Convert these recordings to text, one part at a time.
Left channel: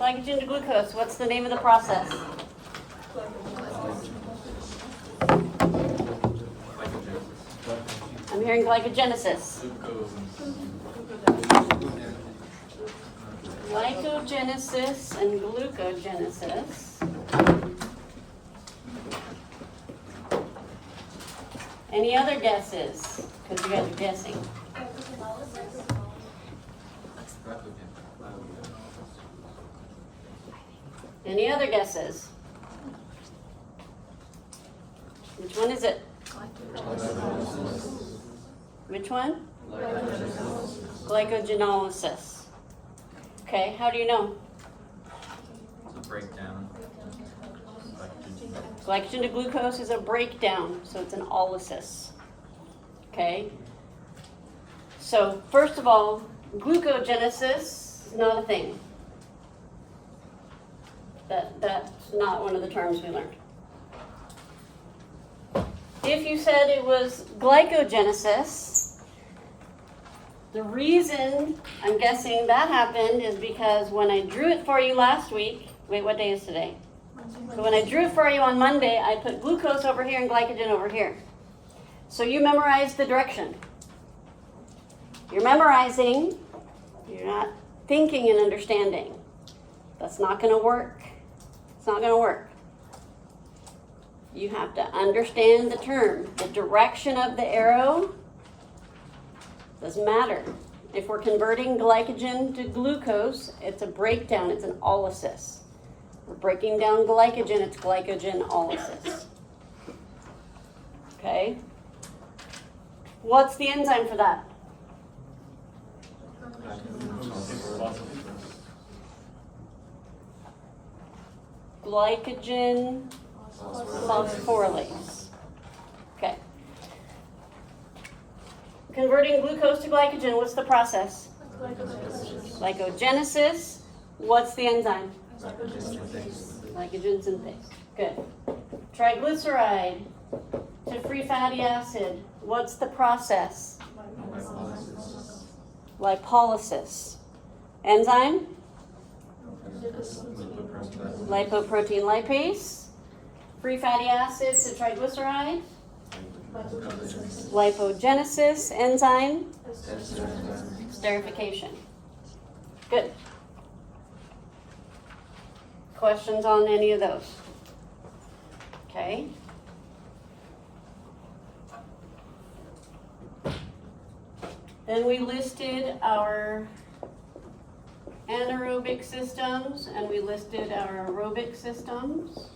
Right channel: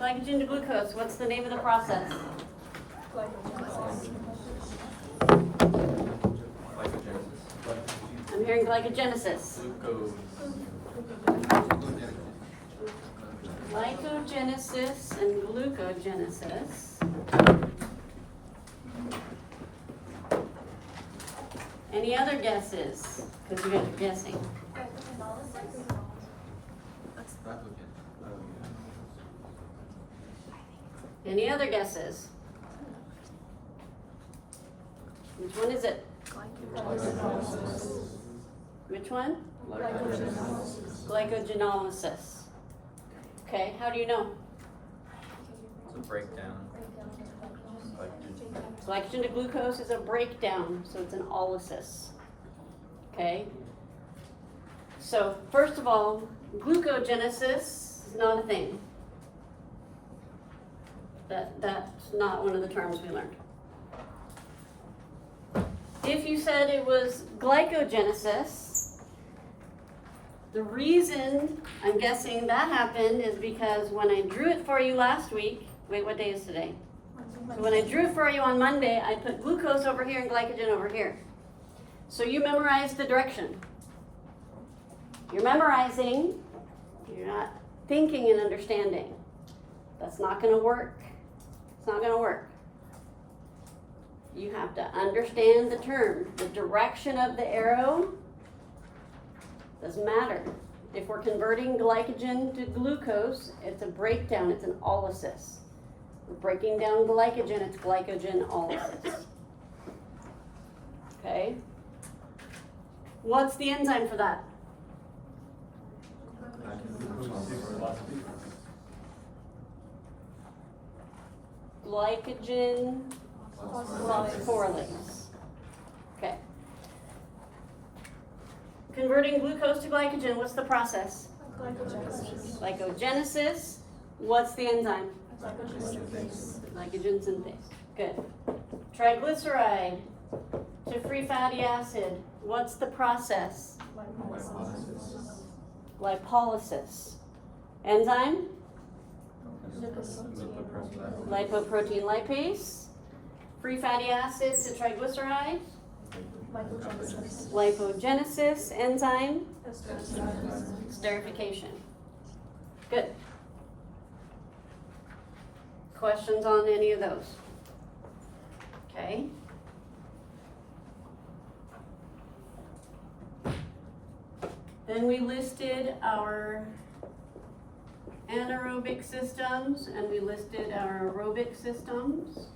Glycogen to glucose, what's the name of the process? I'm hearing glycogenesis. Glycogenesis and glucogenesis. Any other guesses? Because you guys are guessing. Any other guesses? Which one is it? Which one? Glycogenolysis. Okay, how do you know? It's a breakdown. Glycogen to glucose is a breakdown, so it's an olysis. Okay? So, first of all, glucogenesis is not a thing. That's not one of the terms we learned. If you said it was glycogenesis, the reason I'm guessing that happened is because when I drew it for you last week, wait, what day is today? So when I drew it for you on Monday, I put glucose over here and glycogen over here. So you memorized the direction. You're memorizing, you're not thinking and understanding. That's not going to work. It's not going to work. You have to understand the term. The direction of the arrow doesn't matter. If we're converting glycogen to glucose, it's a breakdown, it's an olysis. We're breaking down glycogen, it's glycogenolysis. Okay? What's the enzyme for that? Glycogen phosphorylase. Okay. Converting glucose to glycogen, what's the process? Glycogenesis. What's the enzyme? Glycogen synthase. Good. Triglyceride to free fatty acid. What's the process? Lipolysis. Enzyme? Lipoprotein lipase. Free fatty acids to triglyceride. Lipogenesis. Enzyme? Esterification. Good. Questions on any of those? Okay. Then we listed our anaerobic systems and we listed our aerobic systems.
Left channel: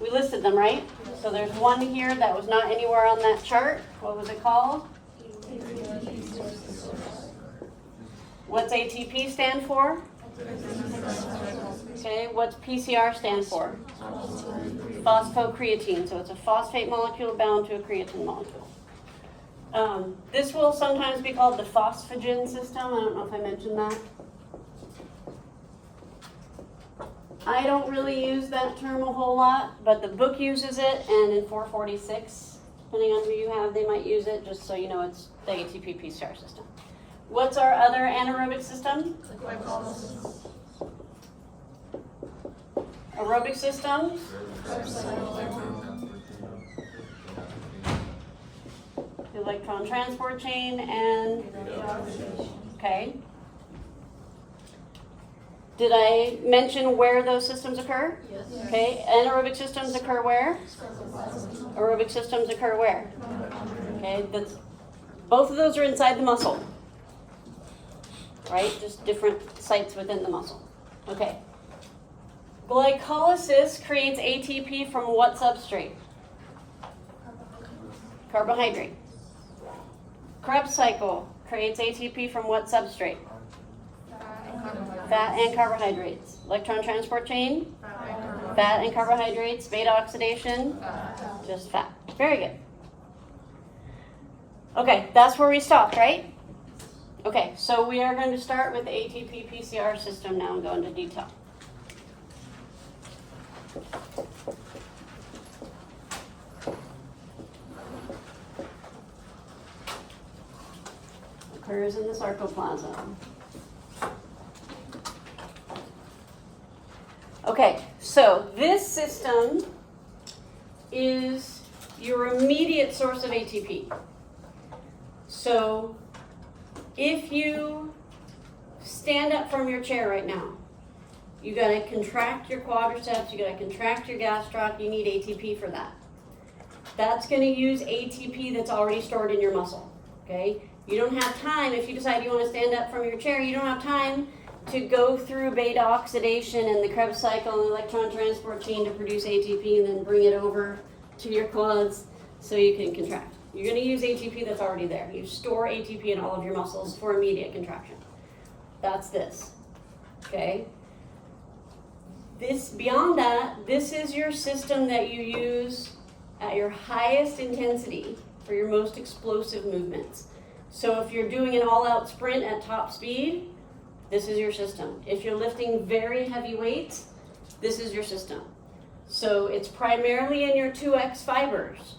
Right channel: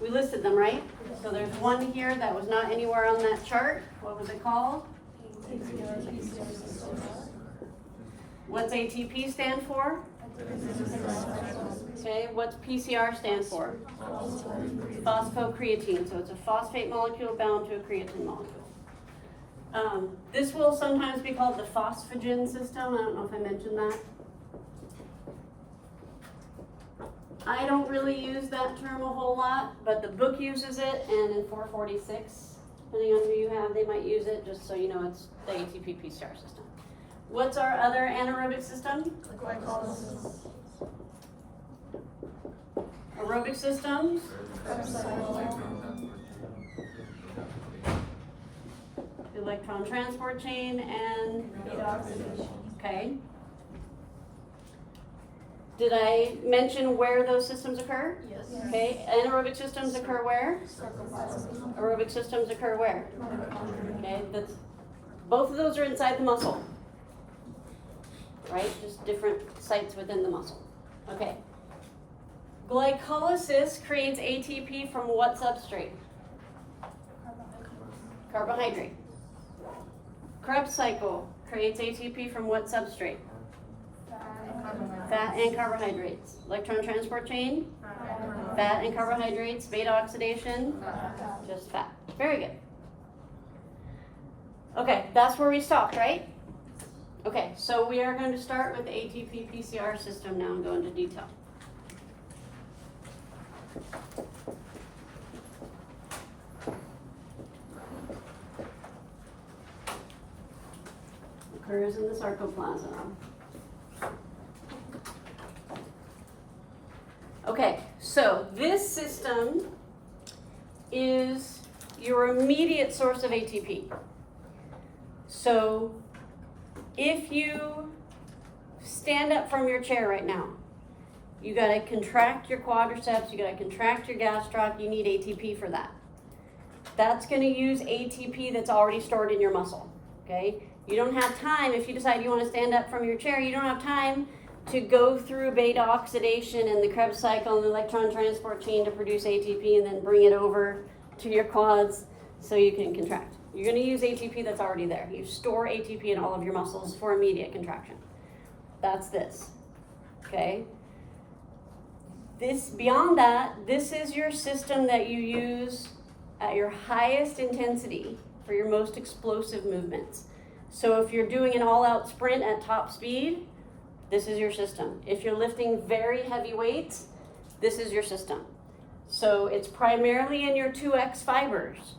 We listed them, right? So there's one here that was not anywhere on that chart. What was it called? What's ATP stand for? Okay, what's PCR stand for? Phosphocreatine. So it's a phosphate molecule bound to a creatine molecule. This will sometimes be called the phosphagen system. I don't know if I mentioned that. I don't really use that term a whole lot, but the book uses it, and in 446, depending on who you have, they might use it, just so you know it's the ATP PCR system. What's our other anaerobic system? Aerobic systems? The electron transport chain and, okay. Did I mention where those systems occur? Yes. Okay, anaerobic systems occur where? Aerobic systems occur where? Okay, both of those are inside the muscle. Right, just different sites within the muscle. Okay. Glycolysis creates ATP from what substrate? Carbohydrate. Krebs cycle creates ATP from what substrate? Fat and carbohydrates. Electron transport chain? Fat and carbohydrates. Beta oxidation? Just fat. Very good. Okay, that's where we stopped, right? Okay, so we are going to start with the ATP PCR system now and go into detail. Occurs in the sarcoplasm. Okay, so this system is your immediate source of ATP. So if you stand up from your chair right now, you gotta contract your quadriceps, you gotta contract your gastroc, you need ATP for that. That's gonna use ATP that's already stored in your muscle, okay? You don't have time, if you decide you wanna stand up from your chair, you don't have time to go through beta oxidation and the Krebs cycle and the electron transport chain to produce ATP and then bring it over to your quads so you can contract. You're gonna use ATP that's already there. You store ATP in all of your muscles for immediate contraction. That's this, okay? Beyond that, this is your system that you use at your highest intensity for your most explosive movements. So if you're doing an all-out sprint at top speed, this is your system. If you're lifting very heavy weights, this is your system. So it's primarily in your 2X fibers.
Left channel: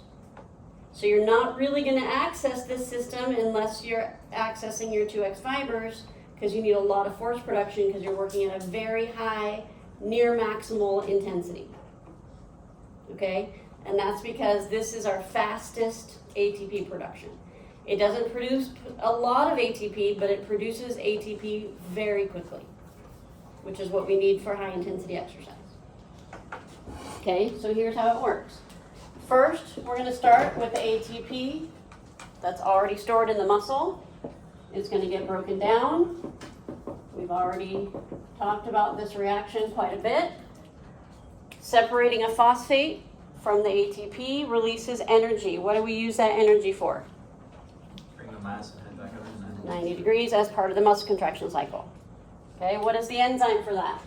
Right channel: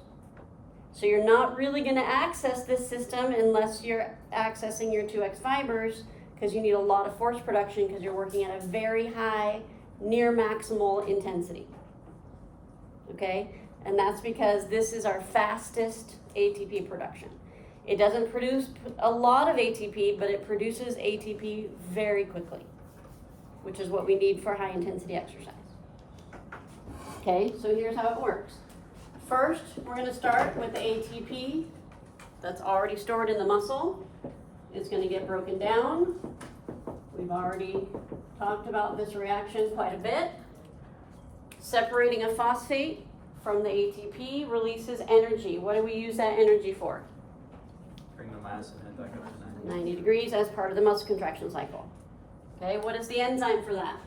So you're not really gonna access this system unless you're accessing your 2X fibers, because you need a lot of force production because you're working at a very high, near maximal intensity, okay? And that's because this is our fastest ATP production. It doesn't produce a lot of ATP, but it produces ATP very quickly, which is what we need for high intensity exercise. Okay, so here's how it works. First, we're gonna start with the ATP that's already stored in the muscle. It's gonna get broken down. We've already talked about this reaction quite a bit. Separating a phosphate from the ATP releases energy. What do we use that energy for? Bring the mass ahead back up to 90 degrees as part of the muscle contraction cycle. Okay, what is the enzyme for that?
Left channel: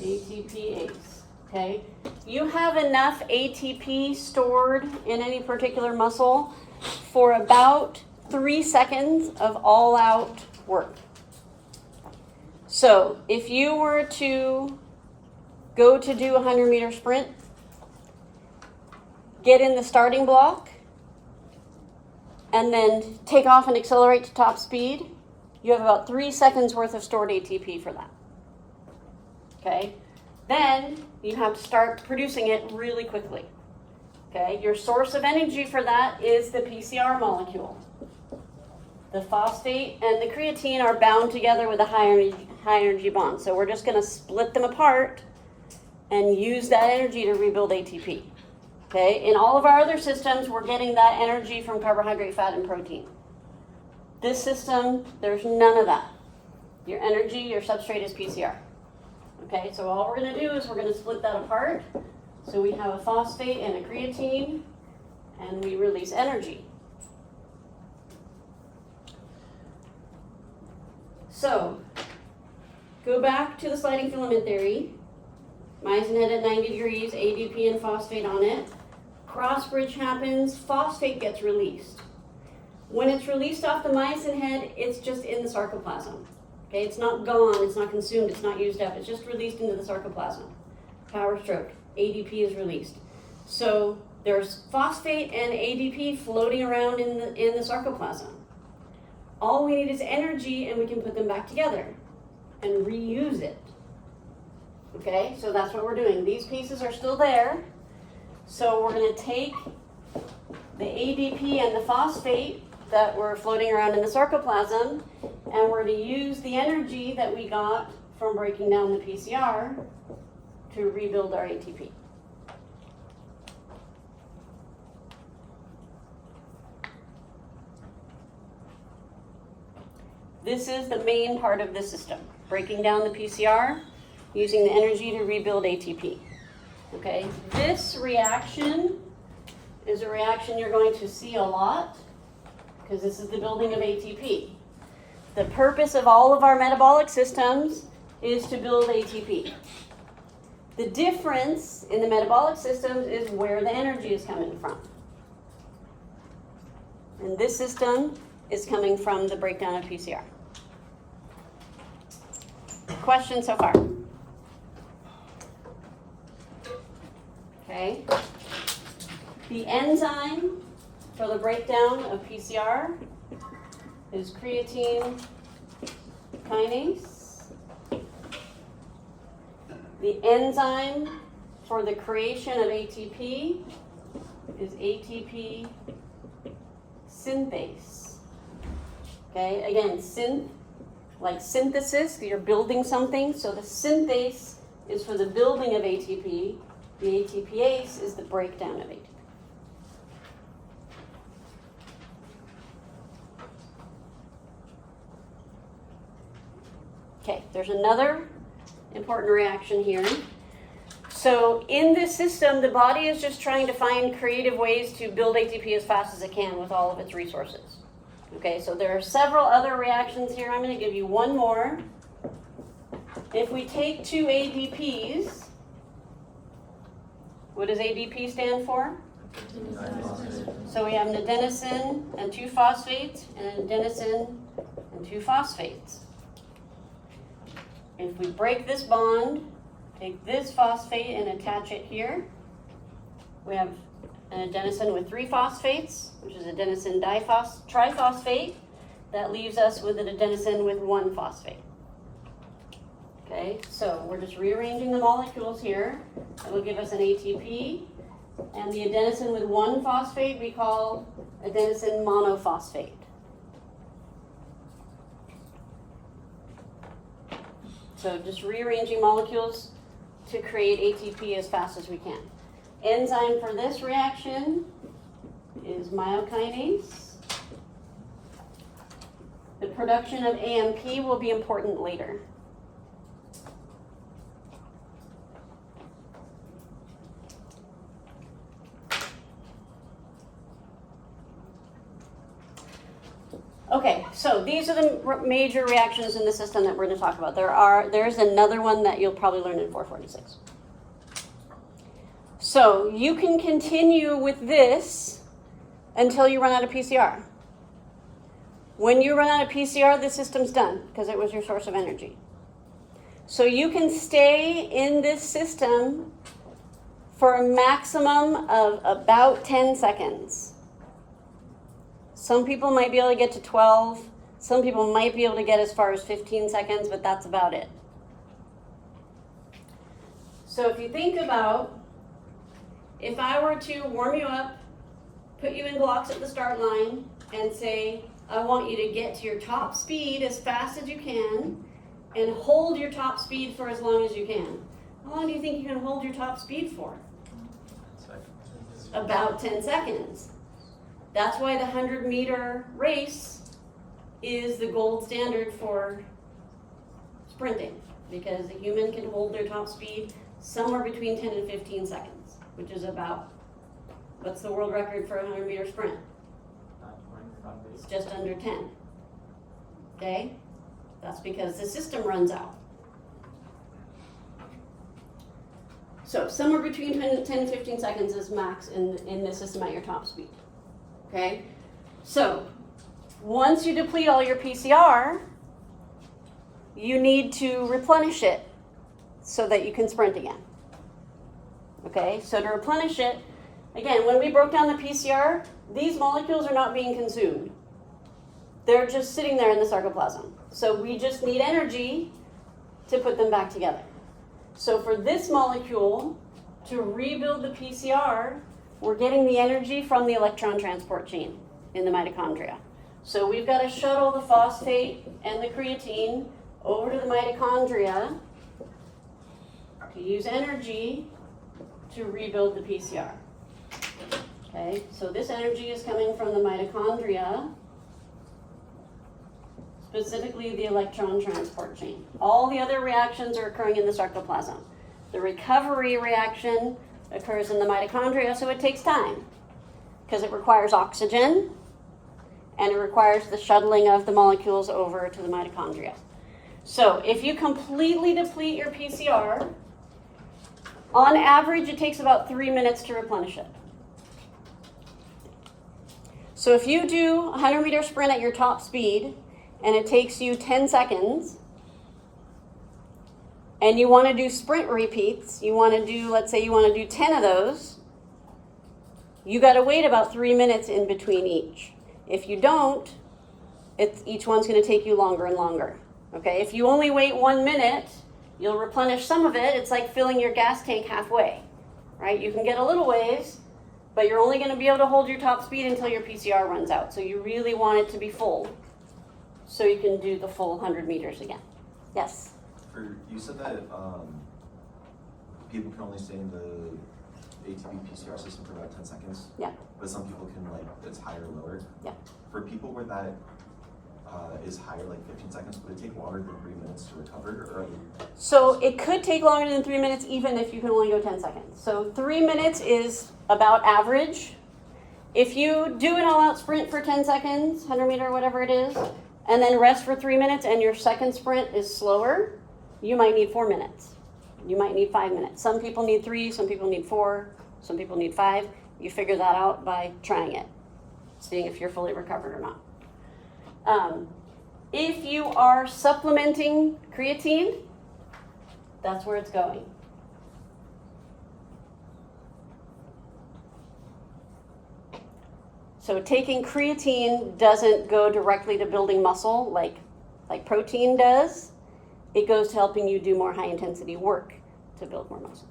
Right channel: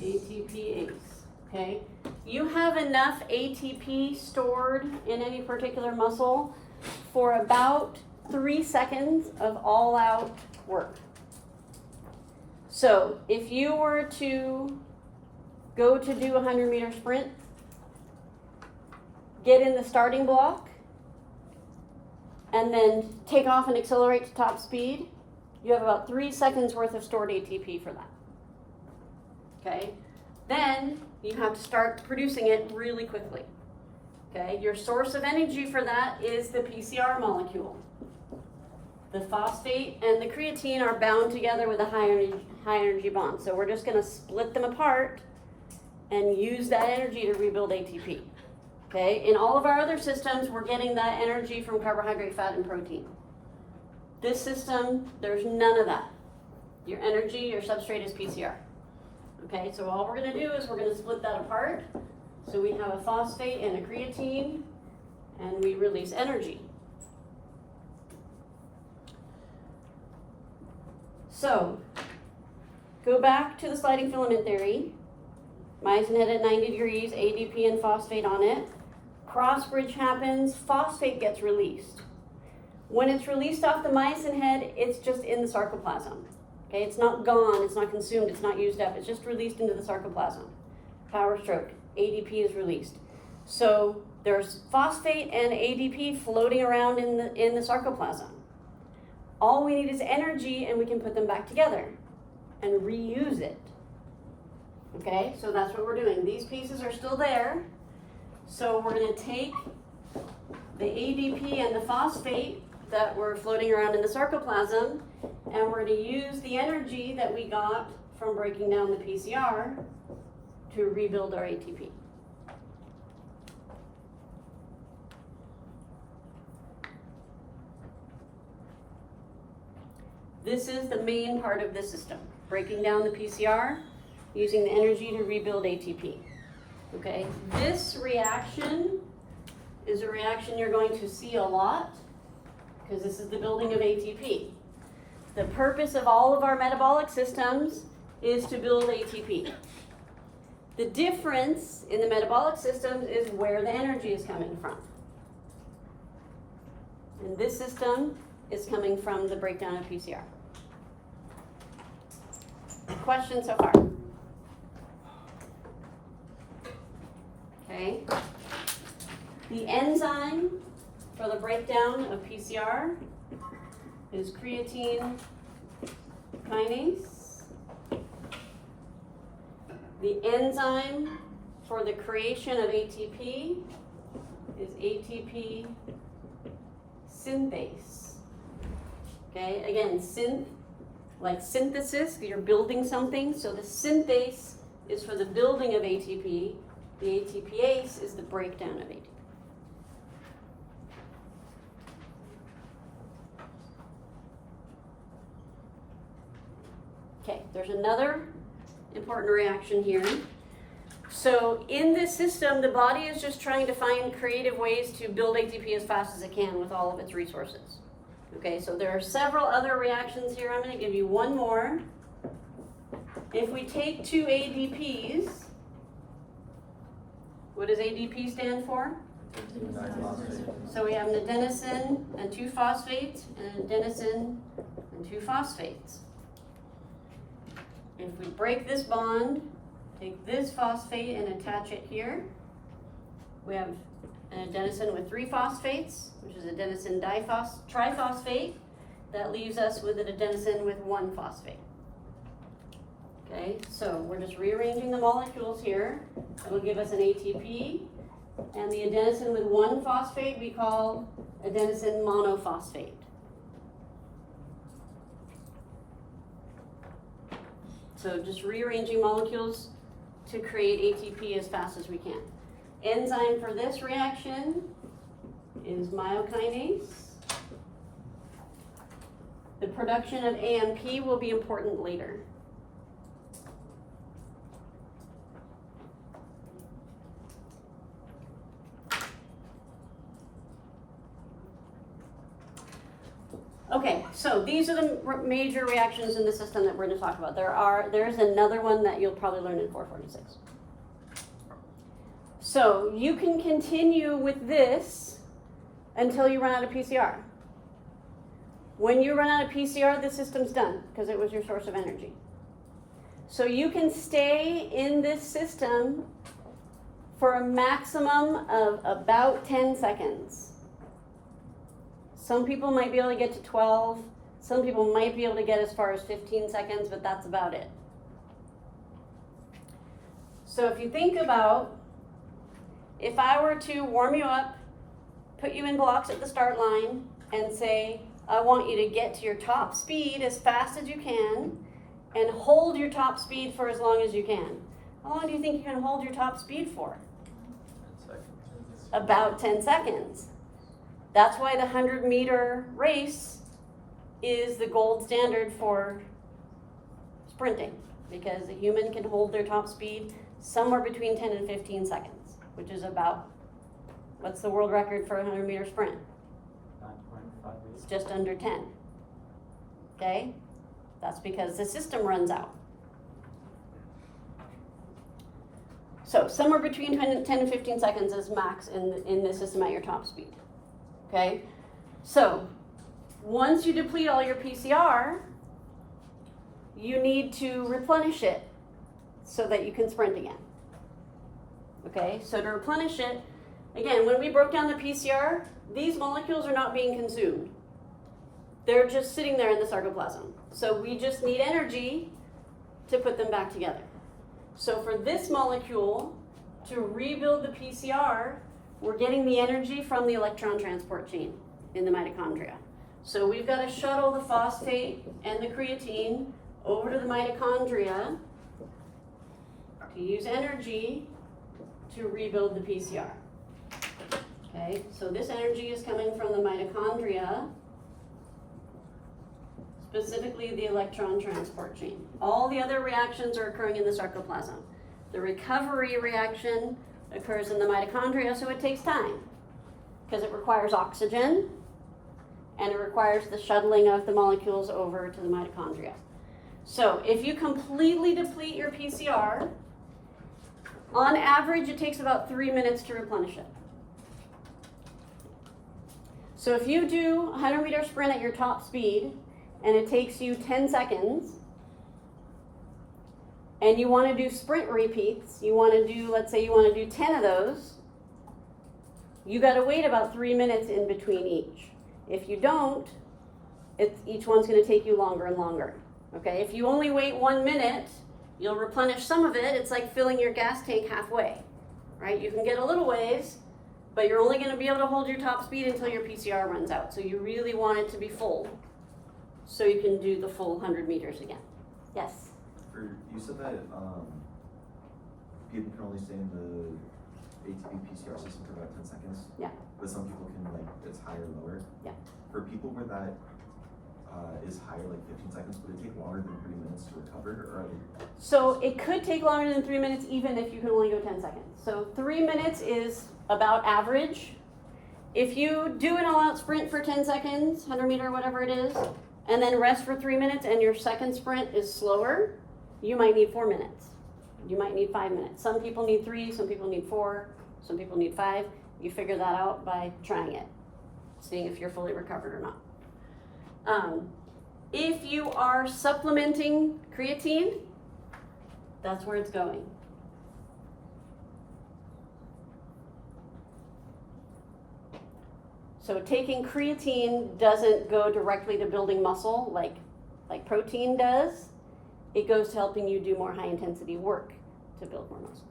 ATPase. Okay, you have enough ATP stored in any particular muscle for about 3 seconds of all-out work. So if you were to go to do a 100-meter sprint, get in the starting block, and then take off and accelerate to top speed, you have about 3 seconds worth of stored ATP for that. Okay? Then you have to start producing it really quickly. Okay? Your source of energy for that is the PCR molecule. The phosphate and the creatine are bound together with a high energy bond. So we're just going to split them apart and use that energy to rebuild ATP. Okay? In all of our other systems, we're getting that energy from carbohydrate, fat, and protein. This system, there's none of that. Your energy, your substrate is PCR. Okay, so all we're going to do is we're going to split that apart. So we have a phosphate and a creatine, and we release energy. So, go back to the sliding filament theory. Myosin head at 90 degrees, ADP and phosphate on it. Cross bridge happens, phosphate gets released. When it's released off the myosin head, it's just in the sarcoplasm. Okay, it's not gone, it's not consumed, it's not used up, it's just released into the sarcoplasm. Power stroke, ADP is released. So there's phosphate and ADP floating around in the sarcoplasm. All we need is energy, and we can put them back together and reuse it. Okay, so that's what we're doing. These pieces are still there. So we're going to take the ADP and the phosphate that were floating around in the sarcoplasm, and we're going to use the energy that we got from breaking down the PCR to rebuild our ATP. This is the main part of the system, breaking down the PCR, using the energy to rebuild ATP. Okay, this reaction is a reaction you're going to see a lot because this is the building of ATP. The purpose of all of our metabolic systems is to build ATP. The difference in the metabolic systems is where the energy is coming from. And this system is coming from the breakdown of PCR. Questions so far? Okay. The enzyme for the breakdown of PCR is creatine kinase. The enzyme for the creation of ATP is ATP synthase. Okay, again, like synthesis, you're building something, so the synthase is for the building of ATP. The ATPase is the breakdown of ATP. Okay, there's another important reaction here. So in this system, the body is just trying to find creative ways to build ATP as fast as it can with all of its resources. Okay, so there are several other reactions here. I'm going to give you one more. If we take two ADPs, what does ADP stand for? So we have an adenosine and two phosphates, and an adenosine and two phosphates. If we break this bond, take this phosphate and attach it here, we have an adenosine with three phosphates, which is adenosine triphosphate. That leaves us with an adenosine with one phosphate. Okay, so we're just rearranging the molecules here. That will give us an ATP. And the adenosine with one phosphate we call adenosine monophosphate. So just rearranging molecules to create ATP as fast as we can. Enzyme for this reaction is myokinase. The production of AMP will be important later. Okay, so these are the major reactions in the system that we're going to talk about. There's another one that you'll probably learn in 446. So you can continue with this until you run out of PCR. When you run out of PCR, the system's done because it was your source of energy. So you can stay in this system for a maximum of about 10 seconds. Some people might be able to get to 12. Some people might be able to get as far as 15 seconds, but that's about it. So if you think about, if I were to warm you up, put you in blocks at the start line, and say, I want you to get to your top speed as fast as you can, and hold your top speed for as long as you can. How long do you think you can hold your top speed for? About 10 seconds. That's why the 100-meter race is the gold standard for sprinting, because the human can hold their top speed somewhere between 10 and 15 seconds, which is about, what's the world record for a 100-meter sprint? It's just under 10. Okay? That's because the system runs out. So somewhere between 10 and 15 seconds is max in the system at your top speed. Okay, so once you deplete all your PCR, you need to replenish it so that you can sprint again. Okay, so to replenish it, again, when we broke down the PCR, these molecules are not being consumed. They're just sitting there in the sarcoplasm. So we just need energy to put them back together. So for this molecule to rebuild the PCR, we're getting the energy from the electron transport chain in the mitochondria. So we've got to shuttle the phosphate and the creatine over to the mitochondria to use energy to rebuild the PCR. Okay, so this energy is coming from the mitochondria, specifically the electron transport chain. All the other reactions are occurring in the sarcoplasm. The recovery reaction occurs in the mitochondria, so it takes time because it requires oxygen and it requires the shuttling of the molecules over to the mitochondria. So if you completely deplete your PCR, on average it takes about 3 minutes to replenish it. So if you do a 100-meter sprint at your top speed and it takes you 10 seconds, and you want to do sprint repeats, you want to do, let's say you want to do 10 of those, you got to wait about 3 minutes in between each. If you don't, each one's going to take you longer and longer. Okay, if you only wait 1 minute, You'll replenish some of it. It's like filling your gas tank halfway, right? You can get a little ways, but you're only going to be able to hold your top speed until your PCR runs out. So you really want it to be full so you can do the full 100 meters again. Yes? You said that people can only stay in the ATP PCR system for about 10 seconds. Yeah. But some people can, like, it's higher or lower. Yeah. For people where that is higher, like 15 seconds, would it take longer than 3 minutes to recover? Or So it could take longer than 3 minutes even if you can only go 10 seconds. So 3 minutes is about average. If you do an all-out sprint for 10 seconds, 100 meter, whatever it is, and then rest for 3 minutes and your second sprint is slower, you might need 4 minutes. You might need 5 minutes. Some people need 3, some people need 4, some people need 5. You figure that out by trying it, seeing if you're fully recovered or not. If you are supplementing creatine, that's where it's going. So taking creatine doesn't go directly to building muscle like protein does. It goes to helping you do more high intensity work to build more muscle.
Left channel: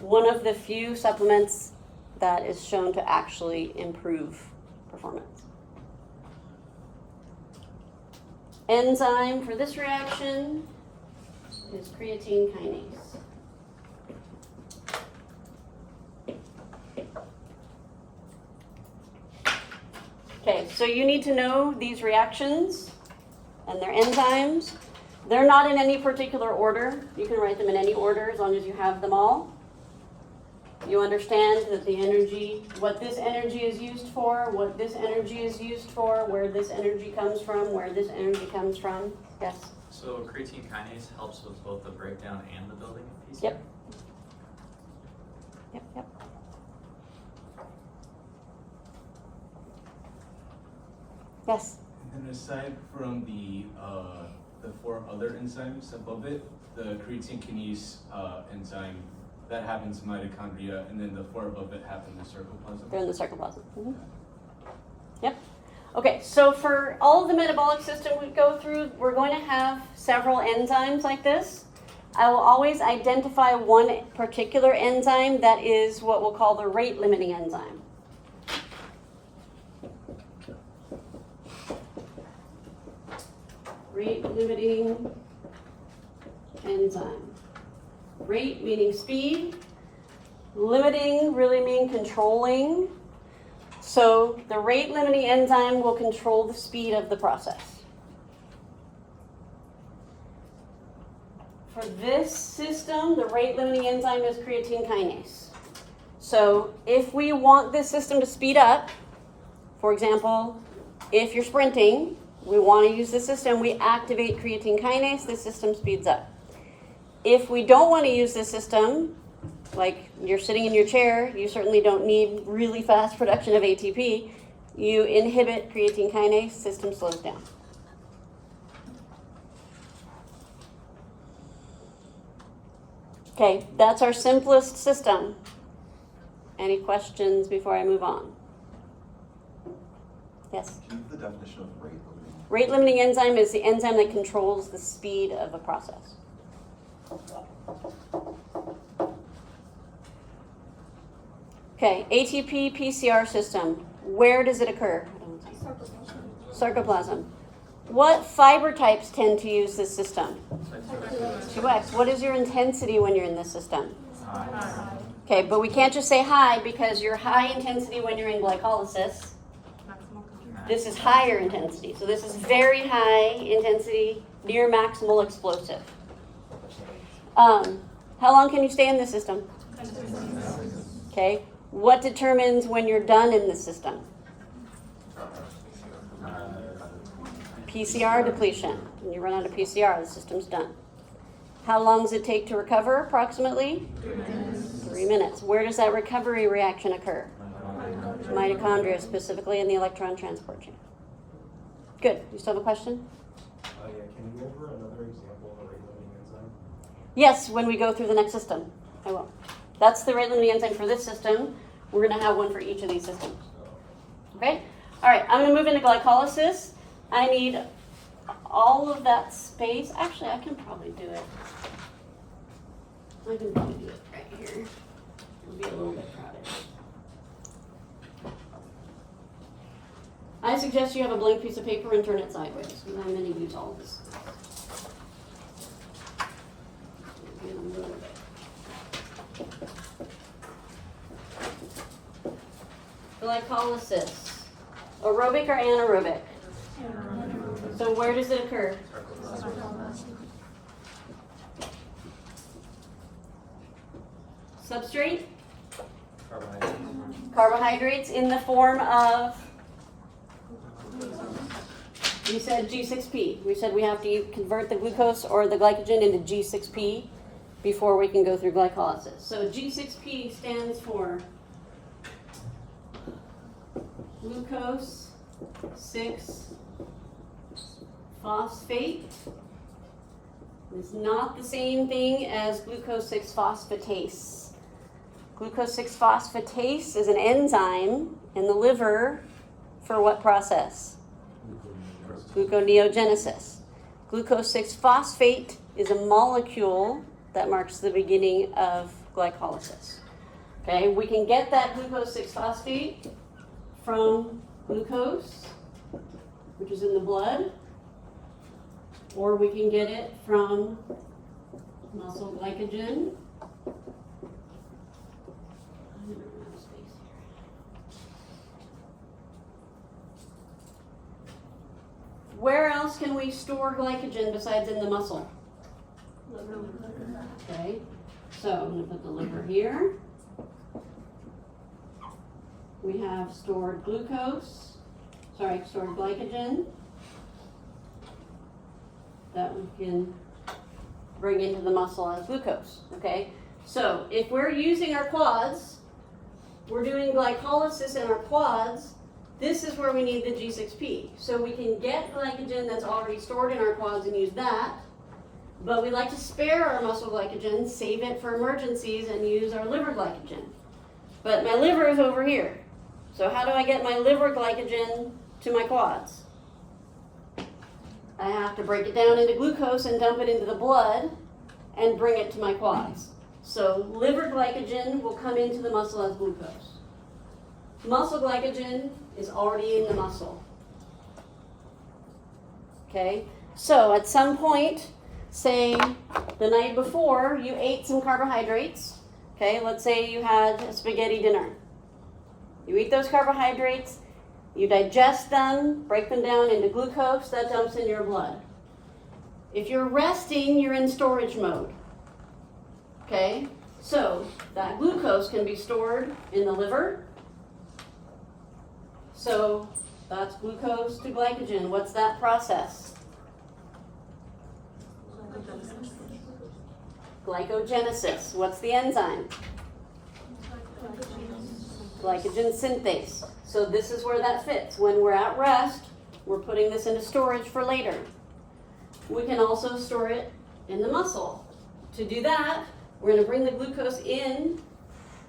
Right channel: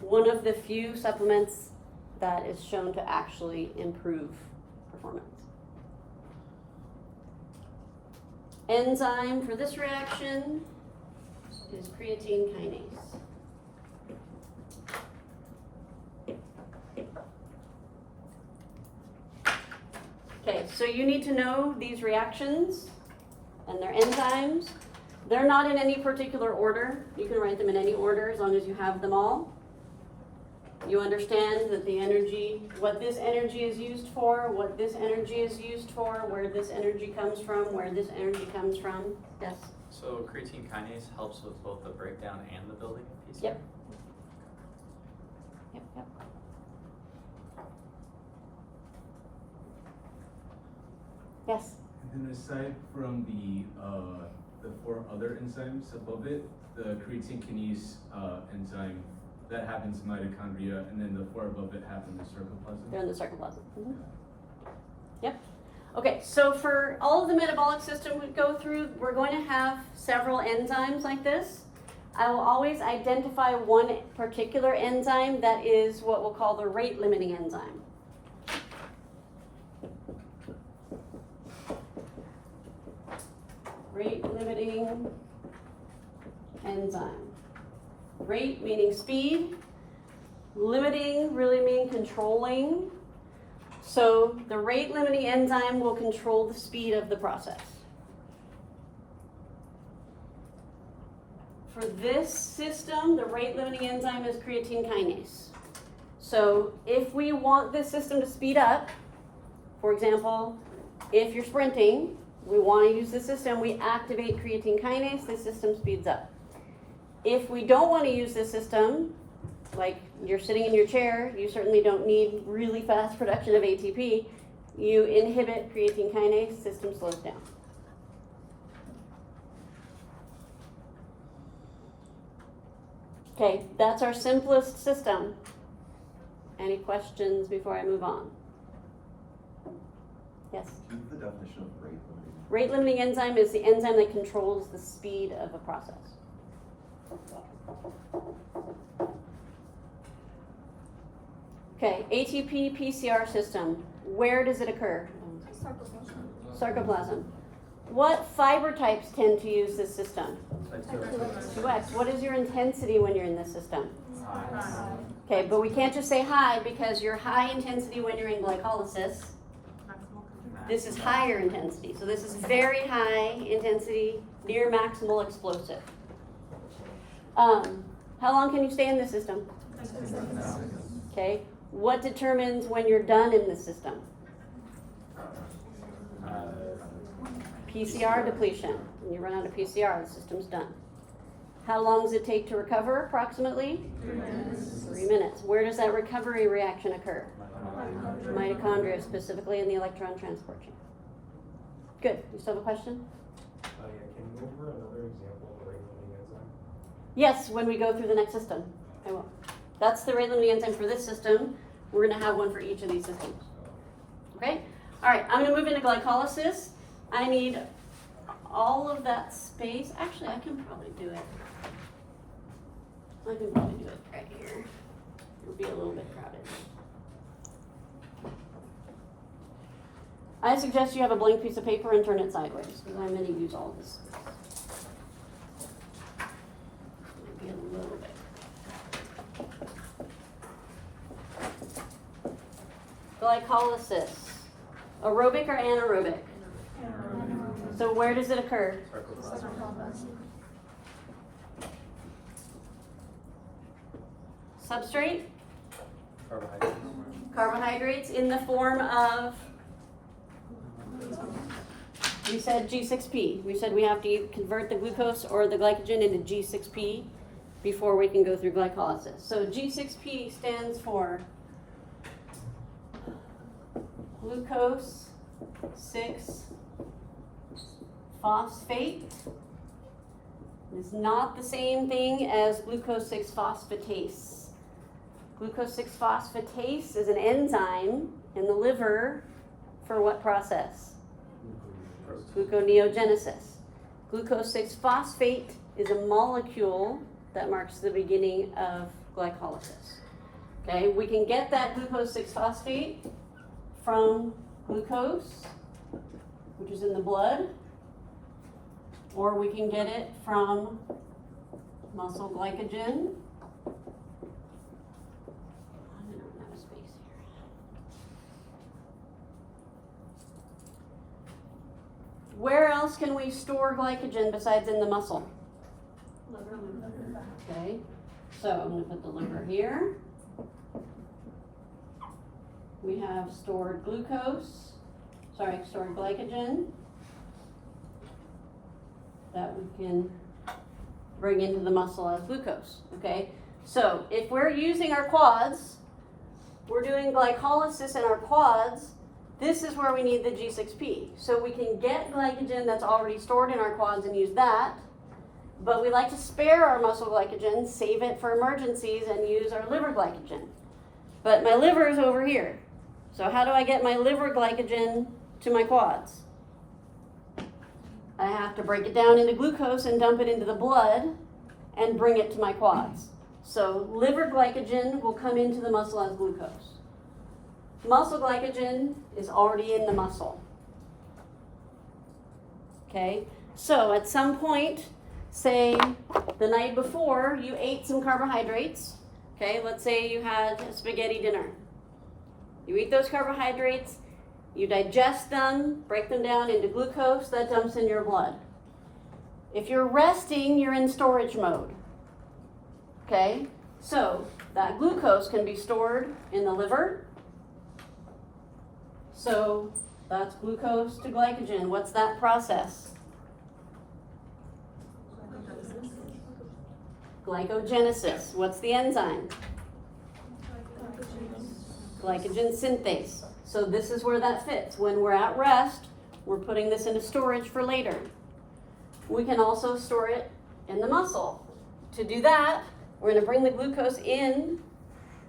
One of the few supplements that is shown to actually improve performance. Enzyme for this reaction is creatine kinase. Okay, so you need to know these reactions and their enzymes. They're not in any particular order. You can write them in any order as long as you have them all. You understand that the energy, what this energy is used for, what this energy is used for, where this energy comes from, where this energy comes from. Yes? So creatine kinase helps with both the breakdown and the building of PCR? Yep. Yep. Yes? And then aside from the 4 other enzymes above it, the creatine kinase enzyme, that happens in mitochondria, and then the 4 above it happen in the sarcoplasm? They're in the sarcoplasm. Mm-hmm. Yep. Okay, so for all of the metabolic system we go through, we're going to have several enzymes like this. I will always identify one particular enzyme that is what we'll call the rate-limiting enzyme. Rate-limiting enzyme. Rate meaning speed, limiting really mean controlling. So the rate limiting enzyme will control the speed of the process. For this system, the rate limiting enzyme is creatine kinase. So if we want this system to speed up, for example, if you're sprinting, we want to use the system, we activate creatine kinase, the system speeds up. If we don't want to use this system, like you're sitting in your chair, you certainly don't need really fast production of ATP, you inhibit creatine kinase, system slows down. Okay, that's our simplest system. Any questions before I move on? Yes? Can you give the definition of rate limiting? Rate limiting enzyme is the enzyme that controls the speed of the process. Okay, ATP PCR system. Where does it occur? Sarcoplasm. What fiber types tend to use this system? 2X. What is your intensity when you're in this system? Okay, but we can't just say high because you're high intensity when you're in glycolysis. This is higher intensity. So this is very high intensity, near maximal explosive. How long can you stay in this system? Okay. What determines when you're done in this system? PCR depletion. When you run out of PCR, the system's done. How long does it take to recover, approximately? 3 minutes. 3 minutes. Where does that recovery reaction occur? Mitochondria, specifically in the electron transport chain. Good. You still have a question? Yeah, can you go over another example of a rate-limiting enzyme? Yes, when we go through the next system. I will. That's the rate-limiting enzyme for this system. We're going to have one for each of these systems. Okay? All right, I'm going to move into glycolysis. I need all of that space, actually I can probably do it. I can probably do it right here. It'll be a little bit crowded. I suggest you have a blank piece of paper and turn it sideways, because I'm going to use all of this. Get a little bit. Glycolysis. Aerobic or anaerobic? So where does it occur? Substrate? Carbohydrates in the form of, we said G6P. We said we have to convert the glucose or the glycogen into G6P before we can go through glycolysis. So G6P stands for glucose 6-phosphate. It's not the same thing as glucose 6-phosphatase. Glucose 6-phosphatase is an enzyme in the liver for what process? Gluconeogenesis. Glucose 6-phosphate is a molecule that marks the beginning of glycolysis. Okay, we can get that glucose 6-phosphate from glucose, which is in the blood, or we can get it from muscle glycogen. Where else can we store glycogen besides in the muscle? Okay, so I'm going to put the liver here. We have stored glycogen that we can bring into the muscle as glucose, okay? So if we're using our quads, we're doing glycolysis in our quads, this is where we need the G6P. So we can get glycogen that's already stored in our quads and use that, but we like to spare our muscle glycogen, save it for emergencies, and use our liver glycogen. But my liver is over here. So how do I get my liver glycogen to my quads? I have to break it down into glucose and dump it into the blood and bring it to my quads. So liver glycogen will come into the muscle as glucose. Muscle glycogen is already in the muscle. Okay, so at some point, say the night before, you ate some carbohydrates. Okay, let's say you had a spaghetti dinner. You eat those carbohydrates, you digest them, break them down into glucose, that dumps in your blood. If you're resting, you're in storage mode. Okay, so that glucose can be stored in the liver. So that's glucose to glycogen. What's that process? Glycogenesis. What's the enzyme? Glycogen synthase. So this is where that fits. When we're at rest, we're putting this into storage for later. We can also store it in the muscle. To do that, we're going to bring the glucose in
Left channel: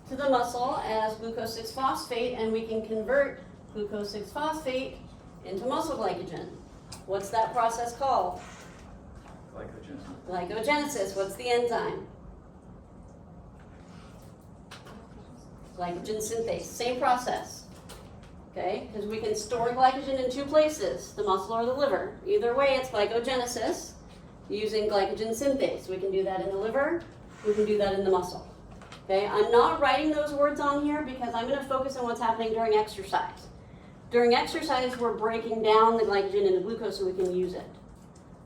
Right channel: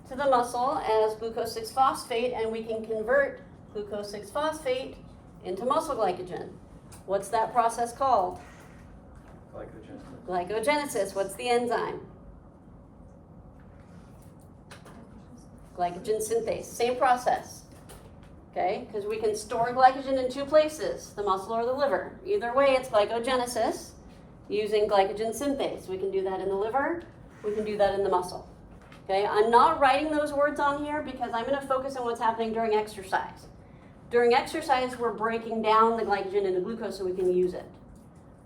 to the muscle as glucose 6-phosphate, and we can convert glucose 6-phosphate into muscle glycogen. What's that process called? Glycogenesis. What's the enzyme? Glycogen synthase. Same process. Okay, because we can store glycogen in two places, the muscle or the liver. Either way, it's glycogenesis using glycogen synthase. We can do that in the liver, we can do that in the muscle. Okay, I'm not writing those words on here because I'm going to focus on what's happening during exercise. During exercise, we're breaking down the glycogen into glucose so we can use it.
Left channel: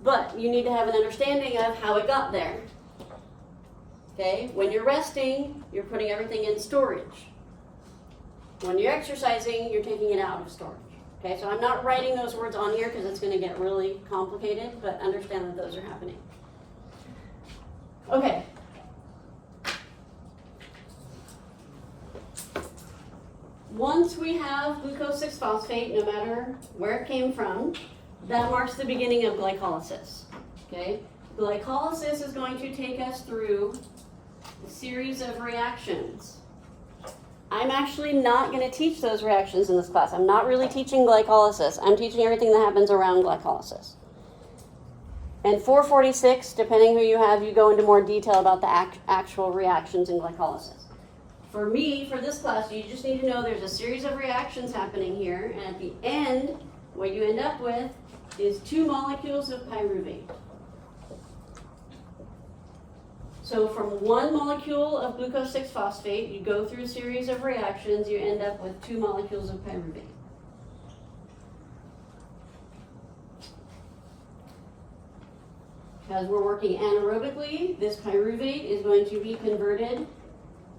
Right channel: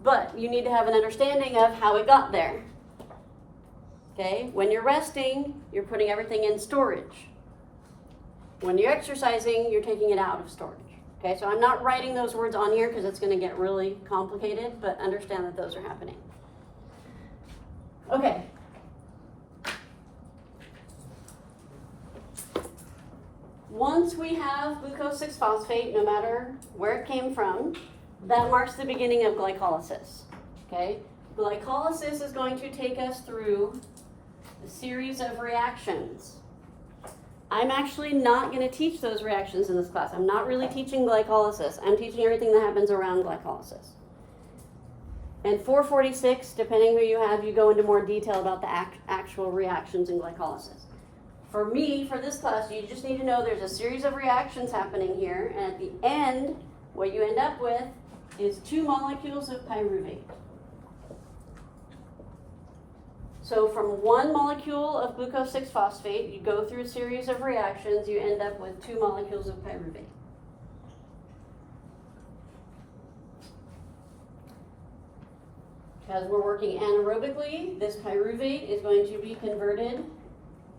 But you need to have an understanding of how it got there. Okay, when you're resting, you're putting everything in storage. When you're exercising, you're taking it out of storage. Okay, so I'm not writing those words on here because it's going to get really complicated, but understand that those are happening. Okay. Once we have glucose 6-phosphate, no matter where it came from, that marks the beginning of glycolysis. Okay? Glycolysis is going to take us through a series of reactions. I'm actually not going to teach those reactions in this class. I'm not really teaching glycolysis. I'm teaching everything that happens around glycolysis. And 446, depending who you have, you go into more detail about the actual reactions in glycolysis. For me, for this class, you just need to know there's a series of reactions happening here, and at the end, what you end up with is 2 molecules of pyruvate. So from 1 molecule of glucose 6-phosphate, you go through a series of reactions, you end up with 2 molecules of pyruvate. As we're working anaerobically, this pyruvate is going to be converted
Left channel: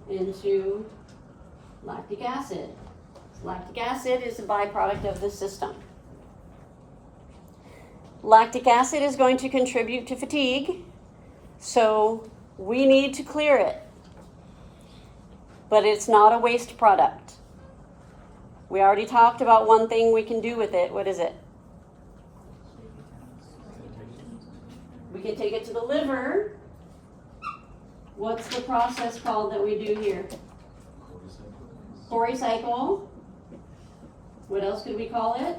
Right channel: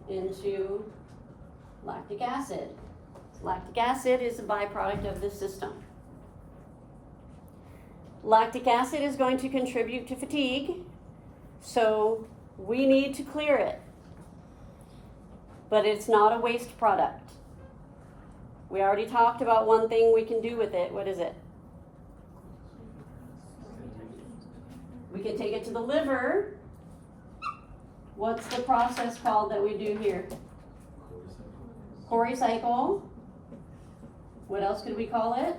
into lactic acid. Lactic acid is a byproduct of the system. Lactic acid is going to contribute to fatigue, so we need to clear it. But it's not a waste product. We already talked about one thing we can do with it. What is it? We can take it to the liver. What's the process called that we do here? Corecycle. What else could we call it?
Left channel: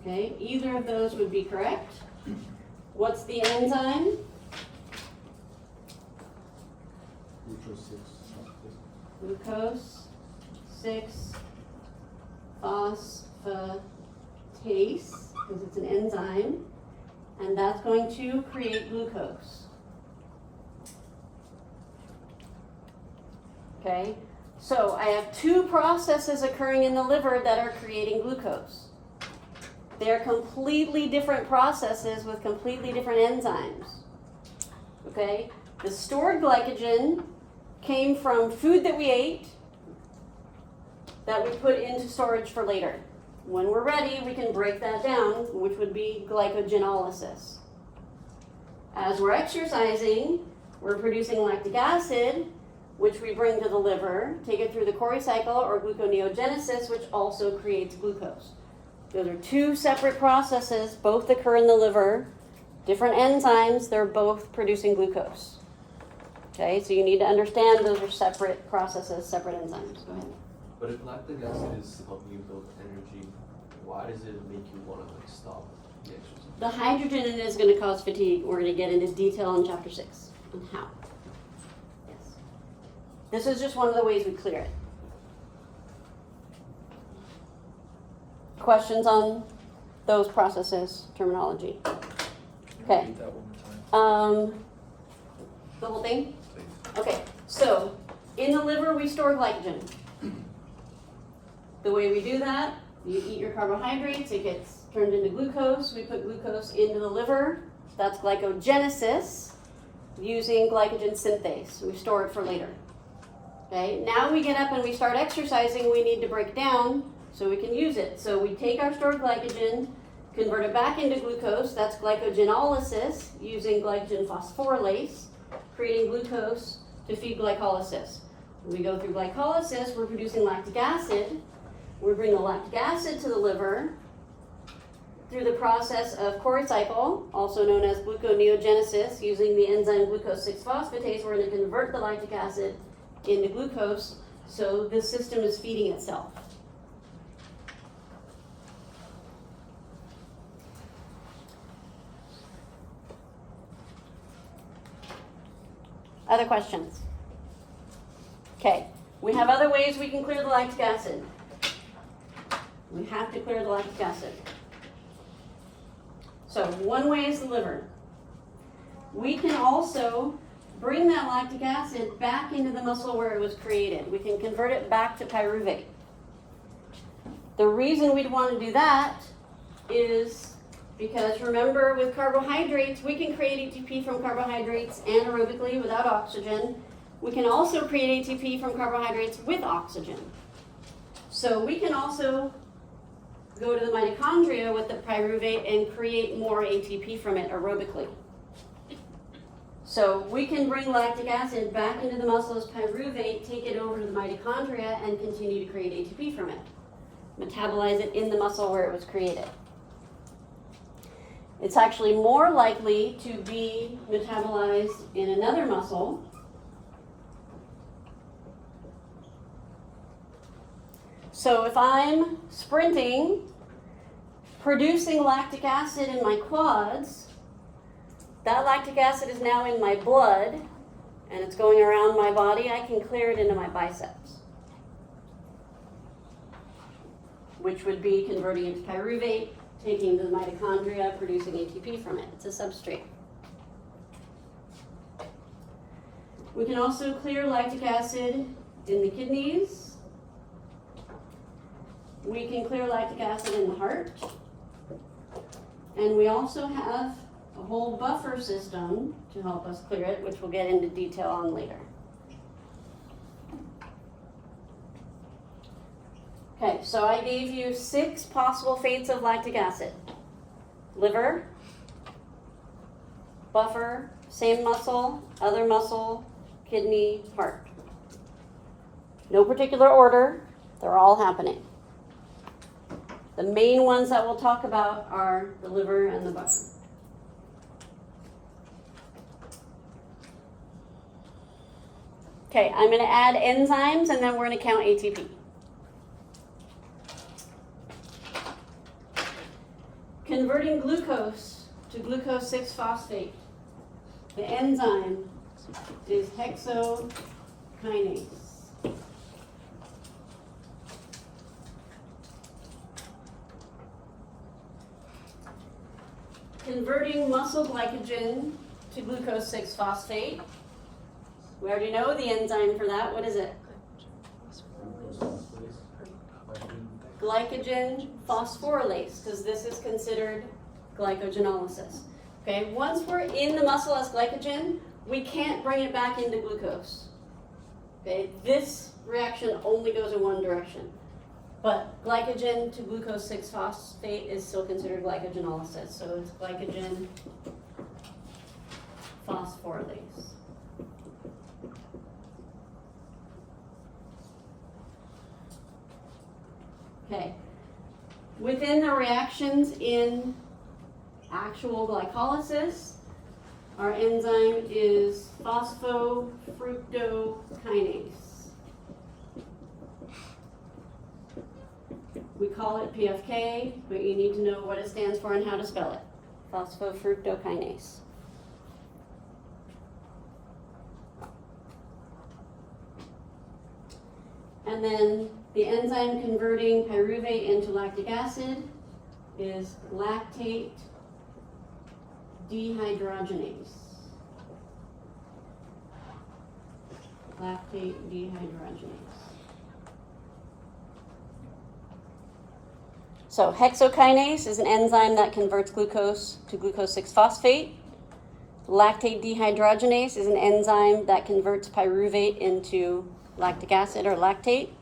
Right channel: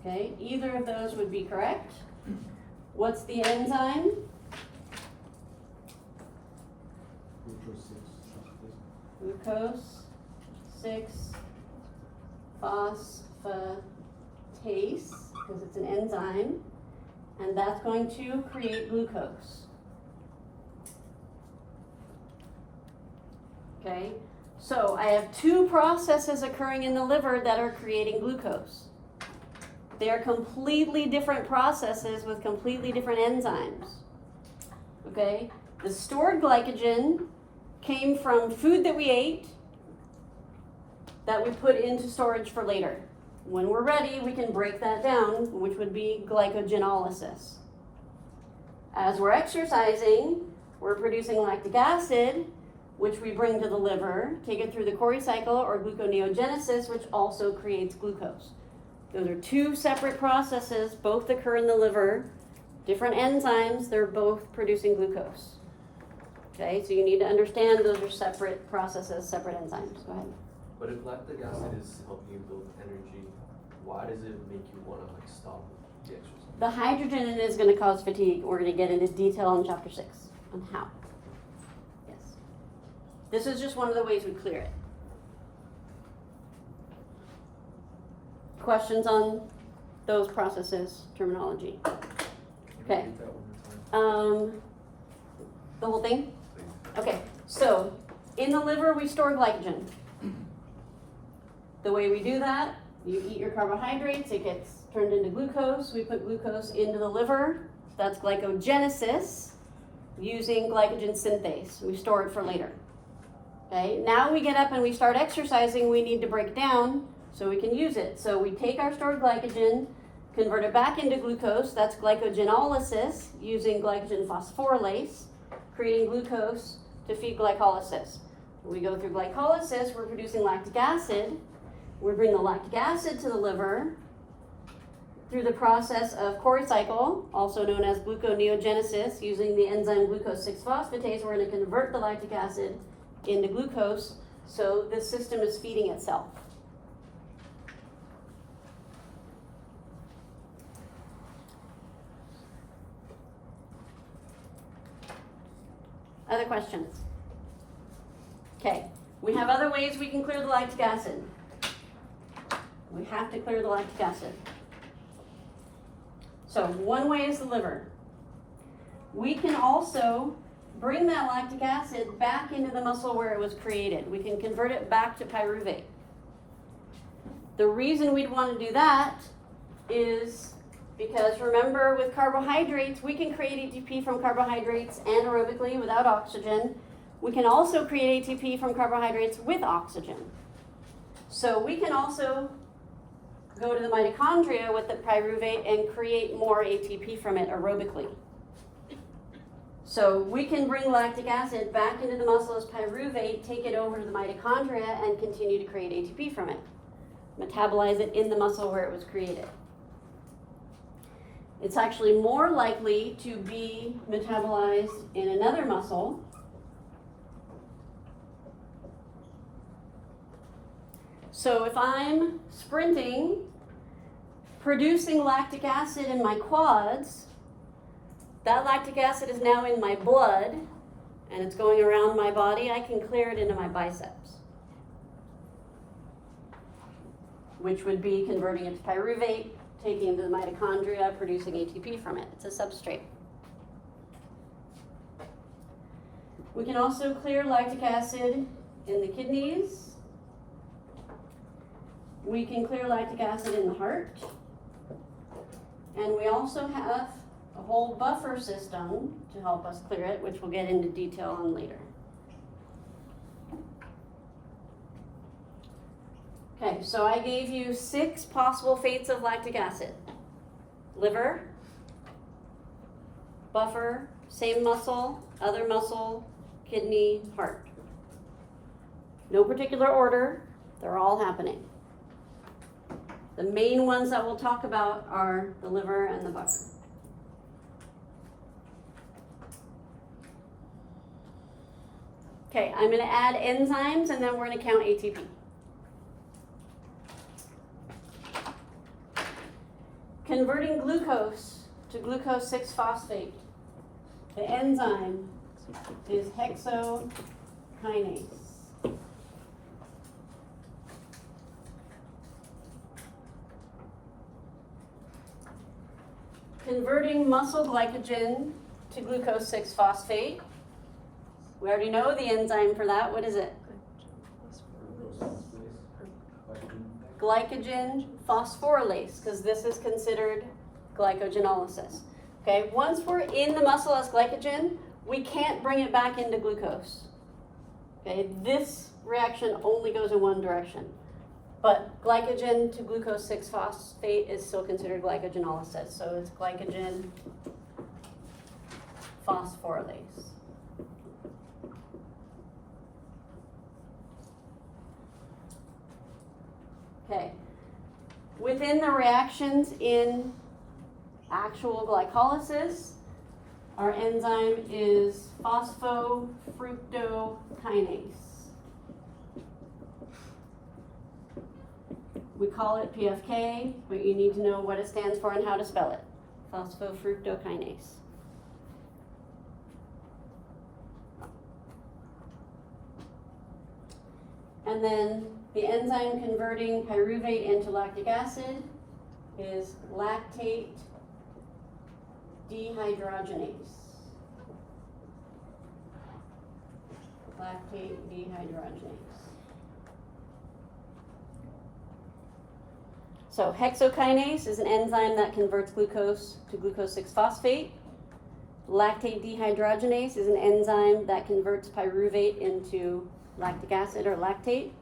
Okay, either of those would be correct. What's the enzyme? Glucose 6-phosphatase, because it's an enzyme, and that's going to create glucose. Okay, so I have 2 processes occurring in the liver that are creating glucose. They are completely different processes with completely different enzymes. Okay, the stored glycogen came from food that we ate that we put into storage for later. When we're ready, we can break that down, which would be glycogenolysis. As we're exercising, we're producing lactic acid, which we bring to the liver, take it through the Cori cycle or gluconeogenesis, which also creates glucose. Those are 2 separate processes, both occur in the liver, different enzymes, they're both producing glucose. Okay, so you need to understand those are separate processes, separate enzymes. Go ahead. But if lactic acid is helping you build energy, why does it make you want to stop the exercise? The hydrogen in it is going to cause fatigue. We're going to get into detail in chapter 6 on how. Yes. This is just one of the ways we clear it. Questions on those processes, terminology? Okay. The whole thing? Okay, so in the liver we store glycogen. The way we do that, you eat your carbohydrates, it gets turned into glucose. We put glucose into the liver. That's glycogenesis using glycogen synthase. We store it for later. Okay, now we get up and we start exercising, we need to break down so we can use it. So we take our stored glycogen, convert it back into glucose. That's glycogenolysis using glycogen phosphorylase, creating glucose to feed glycolysis. When we go through glycolysis, we're producing lactic acid. We bring the lactic acid to the liver through the process of Cori cycle, also known as gluconeogenesis, using the enzyme glucose 6-phosphatase. We're going to convert the lactic acid into glucose, so this system is feeding itself. Other questions? Okay, we have other ways we can clear the lactic acid. We have to clear the lactic acid. So one way is the liver. We can also bring that lactic acid back into the muscle where it was created. We can convert it back to pyruvate. The reason we'd want to do that is because remember, with carbohydrates, we can create ATP from carbohydrates anaerobically without oxygen. We can also create ATP from carbohydrates with oxygen. So we can also go to the mitochondria with the pyruvate and create more ATP from it aerobically. So we can bring lactic acid back into the muscle as pyruvate, take it over to the mitochondria, and continue to create ATP from it. Metabolize it in the muscle where it was created. It's actually more likely to be metabolized in another muscle. So if I'm sprinting producing lactic acid in my quads. That lactic acid is now in my blood, and it's going around my body. I can clear it into my biceps, which would be converting it to pyruvate, taking to the mitochondria, producing ATP from it. It's a substrate. We can also clear lactic acid in the kidneys. We can clear lactic acid in the heart. And we also have a whole buffer system to help us clear it, which we'll get into detail on later. Okay, so I gave you 6 possible fates of lactic acid. Liver, buffer, same muscle, other muscle, kidney, heart. No particular order, they're all happening. The main ones that we'll talk about are the liver and the buffer. Okay, I'm going to add enzymes and then we're going to count ATP. Converting glucose to glucose 6-phosphate. The enzyme is hexokinase. Converting muscle glycogen to glucose 6-phosphate. We already know the enzyme for that. What is it? Glycogen phosphorylase, because this is considered glycogenolysis. Okay, once we're in the muscle as glycogen, we can't bring it back into glucose. Okay, this reaction only goes in one direction. But glycogen to glucose 6-phosphate is still considered glycogenolysis. So it's glycogen phosphorylase. Okay. Within the reactions in actual glycolysis, our enzyme is phosphofructokinase. We call it PFK, but you need to know what it stands for and how to spell it. Phosphofructokinase. And then the enzyme converting pyruvate into lactic acid is lactate dehydrogenase. Lactate dehydrogenase. So hexokinase is an enzyme that converts glucose to glucose 6-phosphate. Lactate dehydrogenase is an enzyme that converts pyruvate into lactic acid or lactate,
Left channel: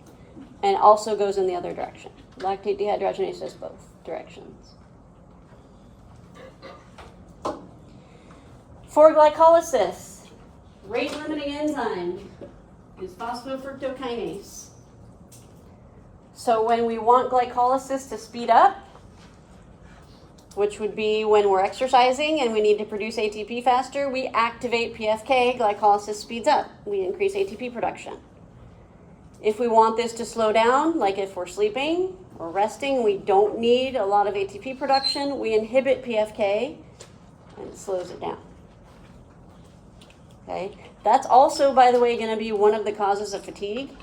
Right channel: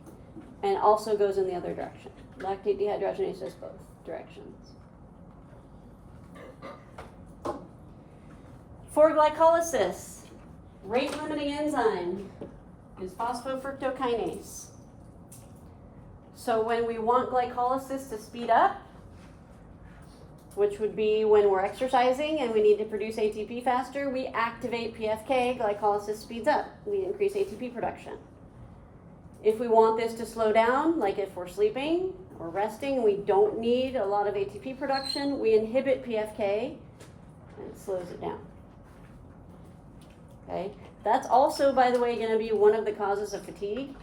and also goes in the other direction. Lactate dehydrogenase does both directions. For glycolysis, rate-limiting enzyme is phosphofructokinase. So when we want glycolysis to speed up, which would be when we're exercising and we need to produce ATP faster, we activate PFK, glycolysis speeds up. We increase ATP production. If we want this to slow down, like if we're sleeping or resting, we don't need a lot of ATP production, we inhibit PFK and it slows it down. Okay? That's also, by the way, going to be one of the causes of fatigue,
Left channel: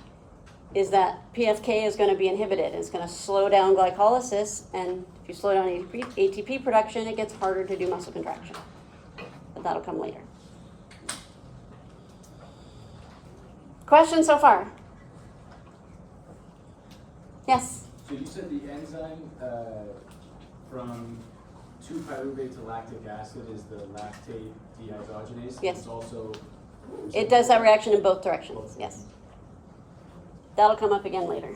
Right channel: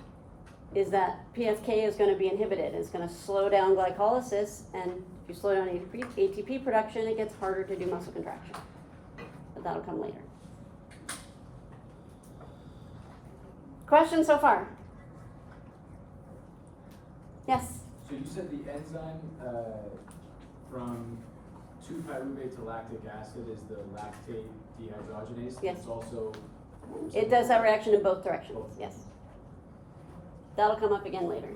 is that PFK is going to be inhibited. It's going to slow down glycolysis, and if you slow down ATP production, it gets harder to do muscle contraction. But that'll come later. Questions so far? Yes? So you said the enzyme from 2-pyruvate to lactic acid is the lactate dehydrogenase? Yes. It's also... It does that reaction in both directions, yes. That'll come up again later.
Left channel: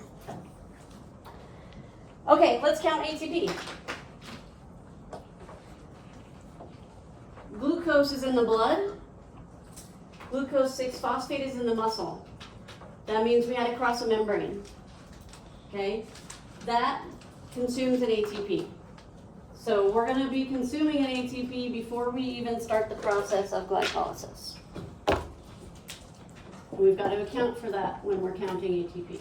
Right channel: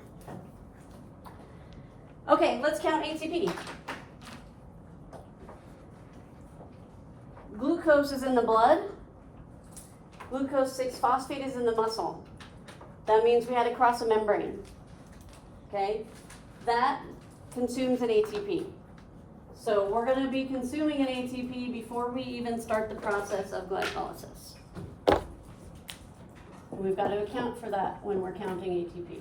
Okay, let's count ATP. Glucose is in the blood. Glucose 6-phosphate is in the muscle. That means we had to cross a membrane. Okay? That consumes an ATP. So we're going to be consuming an ATP before we even start the process of glycolysis. We've got to account for that when we're counting ATP.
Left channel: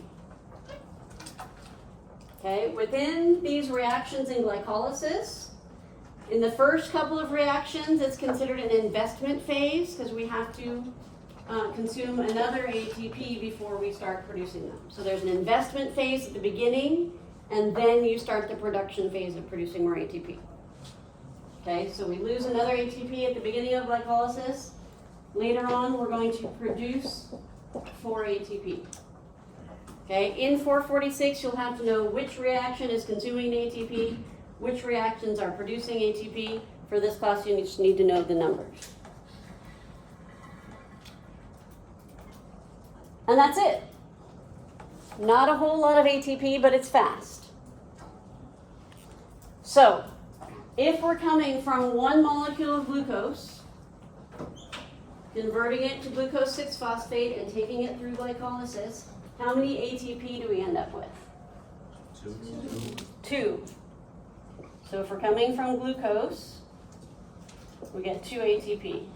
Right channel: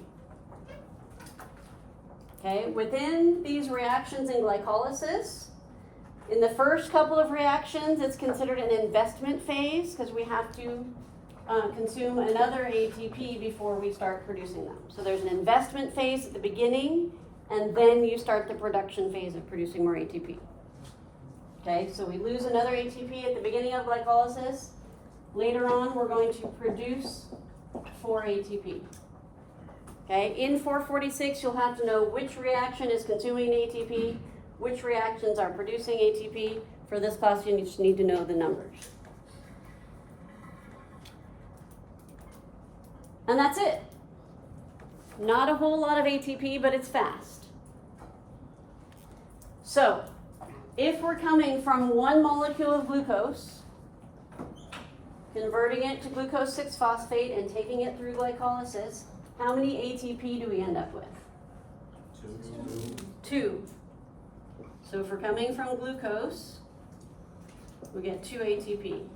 Okay, within these reactions in glycolysis, in the first couple of reactions, it's considered an investment phase because we have to consume another ATP before we start producing them. So there's an investment phase at the beginning, and then you start the production phase of producing more ATP. Okay, so we lose another ATP at the beginning of glycolysis. Later on, we're going to produce 4 ATP. Okay, in 446, you'll have to know which reaction is consuming ATP, which reactions are producing ATP. For this class, you just need to know the numbers. And that's it. Not a whole lot of ATP, but it's fast. So, if we're coming from 1 molecule of glucose, converting it to glucose 6-phosphate and taking it through glycolysis, how many ATP do we end up with? 2. So if we're coming from glucose, we get 2 ATP.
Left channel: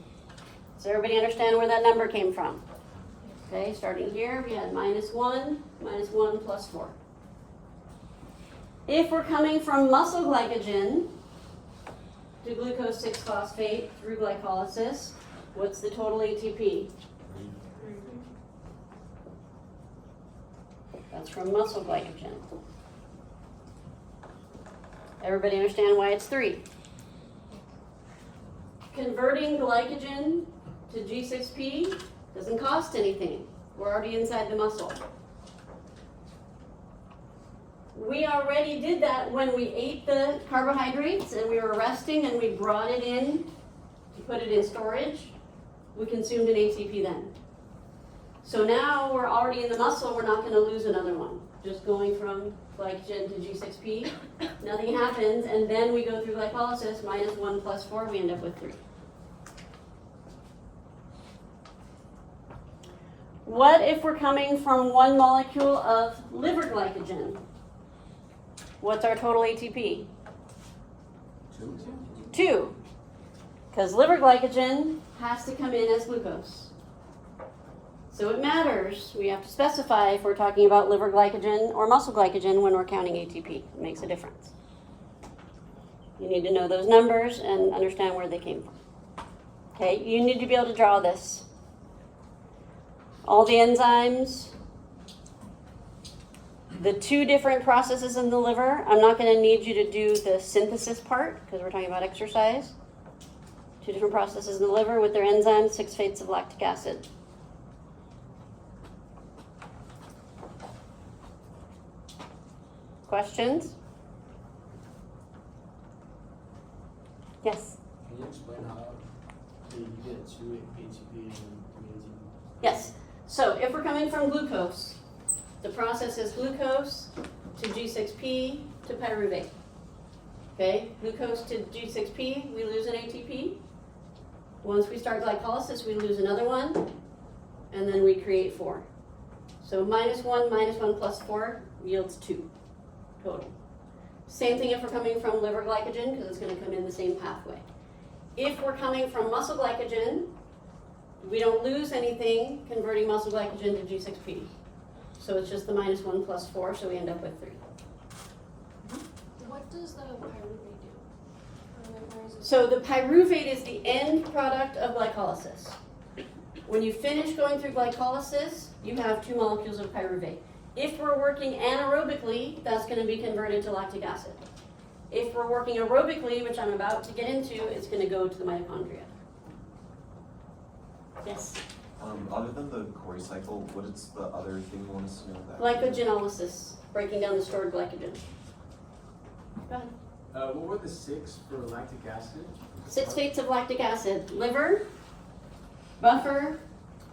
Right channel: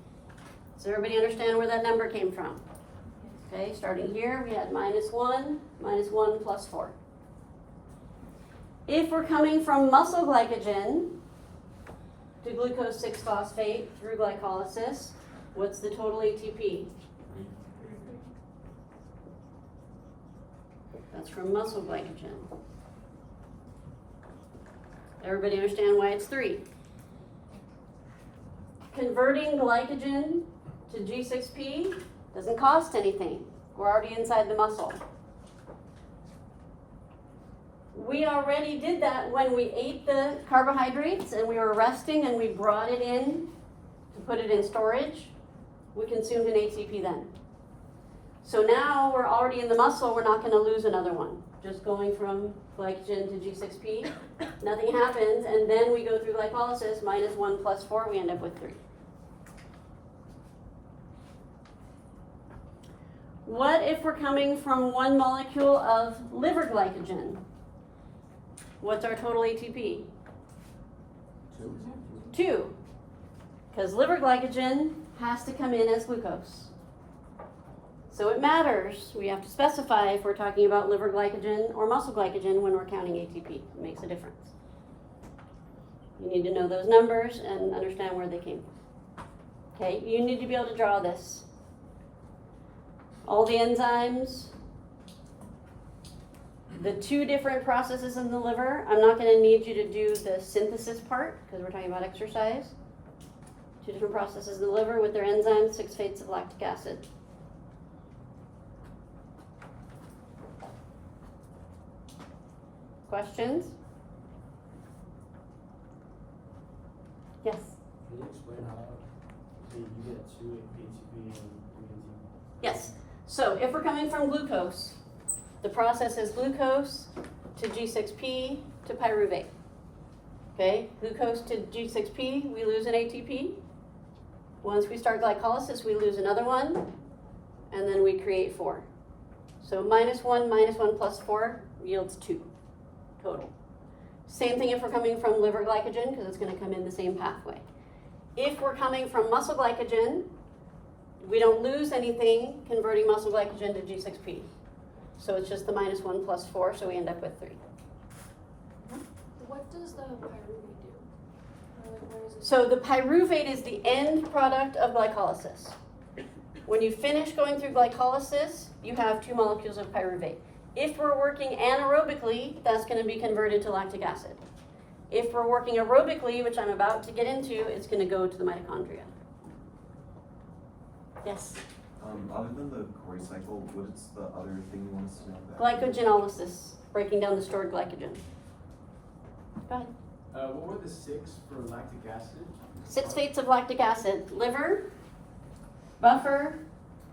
Does everybody understand where that number came from? Okay, starting here, we had -1 plus 4. If we're coming from muscle glycogen to glucose 6-phosphate through glycolysis, what's the total ATP? That's from muscle glycogen. Everybody understand why it's 3? Converting glycogen to G6P doesn't cost anything. We're already inside the muscle. We already did that when we ate the carbohydrates and we were resting and we brought it in to put it in storage. We consumed an ATP then. So now we're already in the muscle, we're not going to lose another one. Just going from glycogen to G6P, nothing happens, and then we go through glycolysis, -1 plus 4, we end up with 3. What if we're coming from 1 molecule of liver glycogen? What's our total ATP? 2. Because liver glycogen has to come in as glucose. So it matters. We have to specify if we're talking about liver glycogen or muscle glycogen when we're counting ATP. It makes a difference. You need to know those numbers and understand where they came from. Okay, you need to be able to draw this. All the enzymes, the 2 different processes in the liver. I'm not going to need you to do the synthesis part because we're talking about exercise. 2 different processes in the liver with their enzymes, 6 fates of lactic acid. Questions? Yes? Can you explain how you get 2 ATP and 3 ATP? Yes. So if we're coming from glucose, the process is glucose to G6P to pyruvate. Okay, glucose to G6P, we lose an ATP. Once we start glycolysis, we lose another one, and then we create 4. So -1 plus 4 yields 2 total. Same thing if we're coming from liver glycogen, because it's going to come in the same pathway. If we're coming from muscle glycogen, we don't lose anything converting muscle glycogen to G6P. So it's just the -1 plus 4, so we end up with 3. What does the pyruvate do? Where is it? So the pyruvate is the end product of glycolysis. When you finish going through glycolysis, you have 2 molecules of pyruvate. If we're working anaerobically, that's going to be converted to lactic acid. If we're working aerobically, which I'm about to get into, it's going to go to the mitochondria. Yes? Other than the Cori cycle, what is the other thing you want us to know about? Glycogenolysis, breaking down the stored glycogen. Go ahead. What were the 6 for lactic acid? 6 fates of lactic acid. Liver, buffer,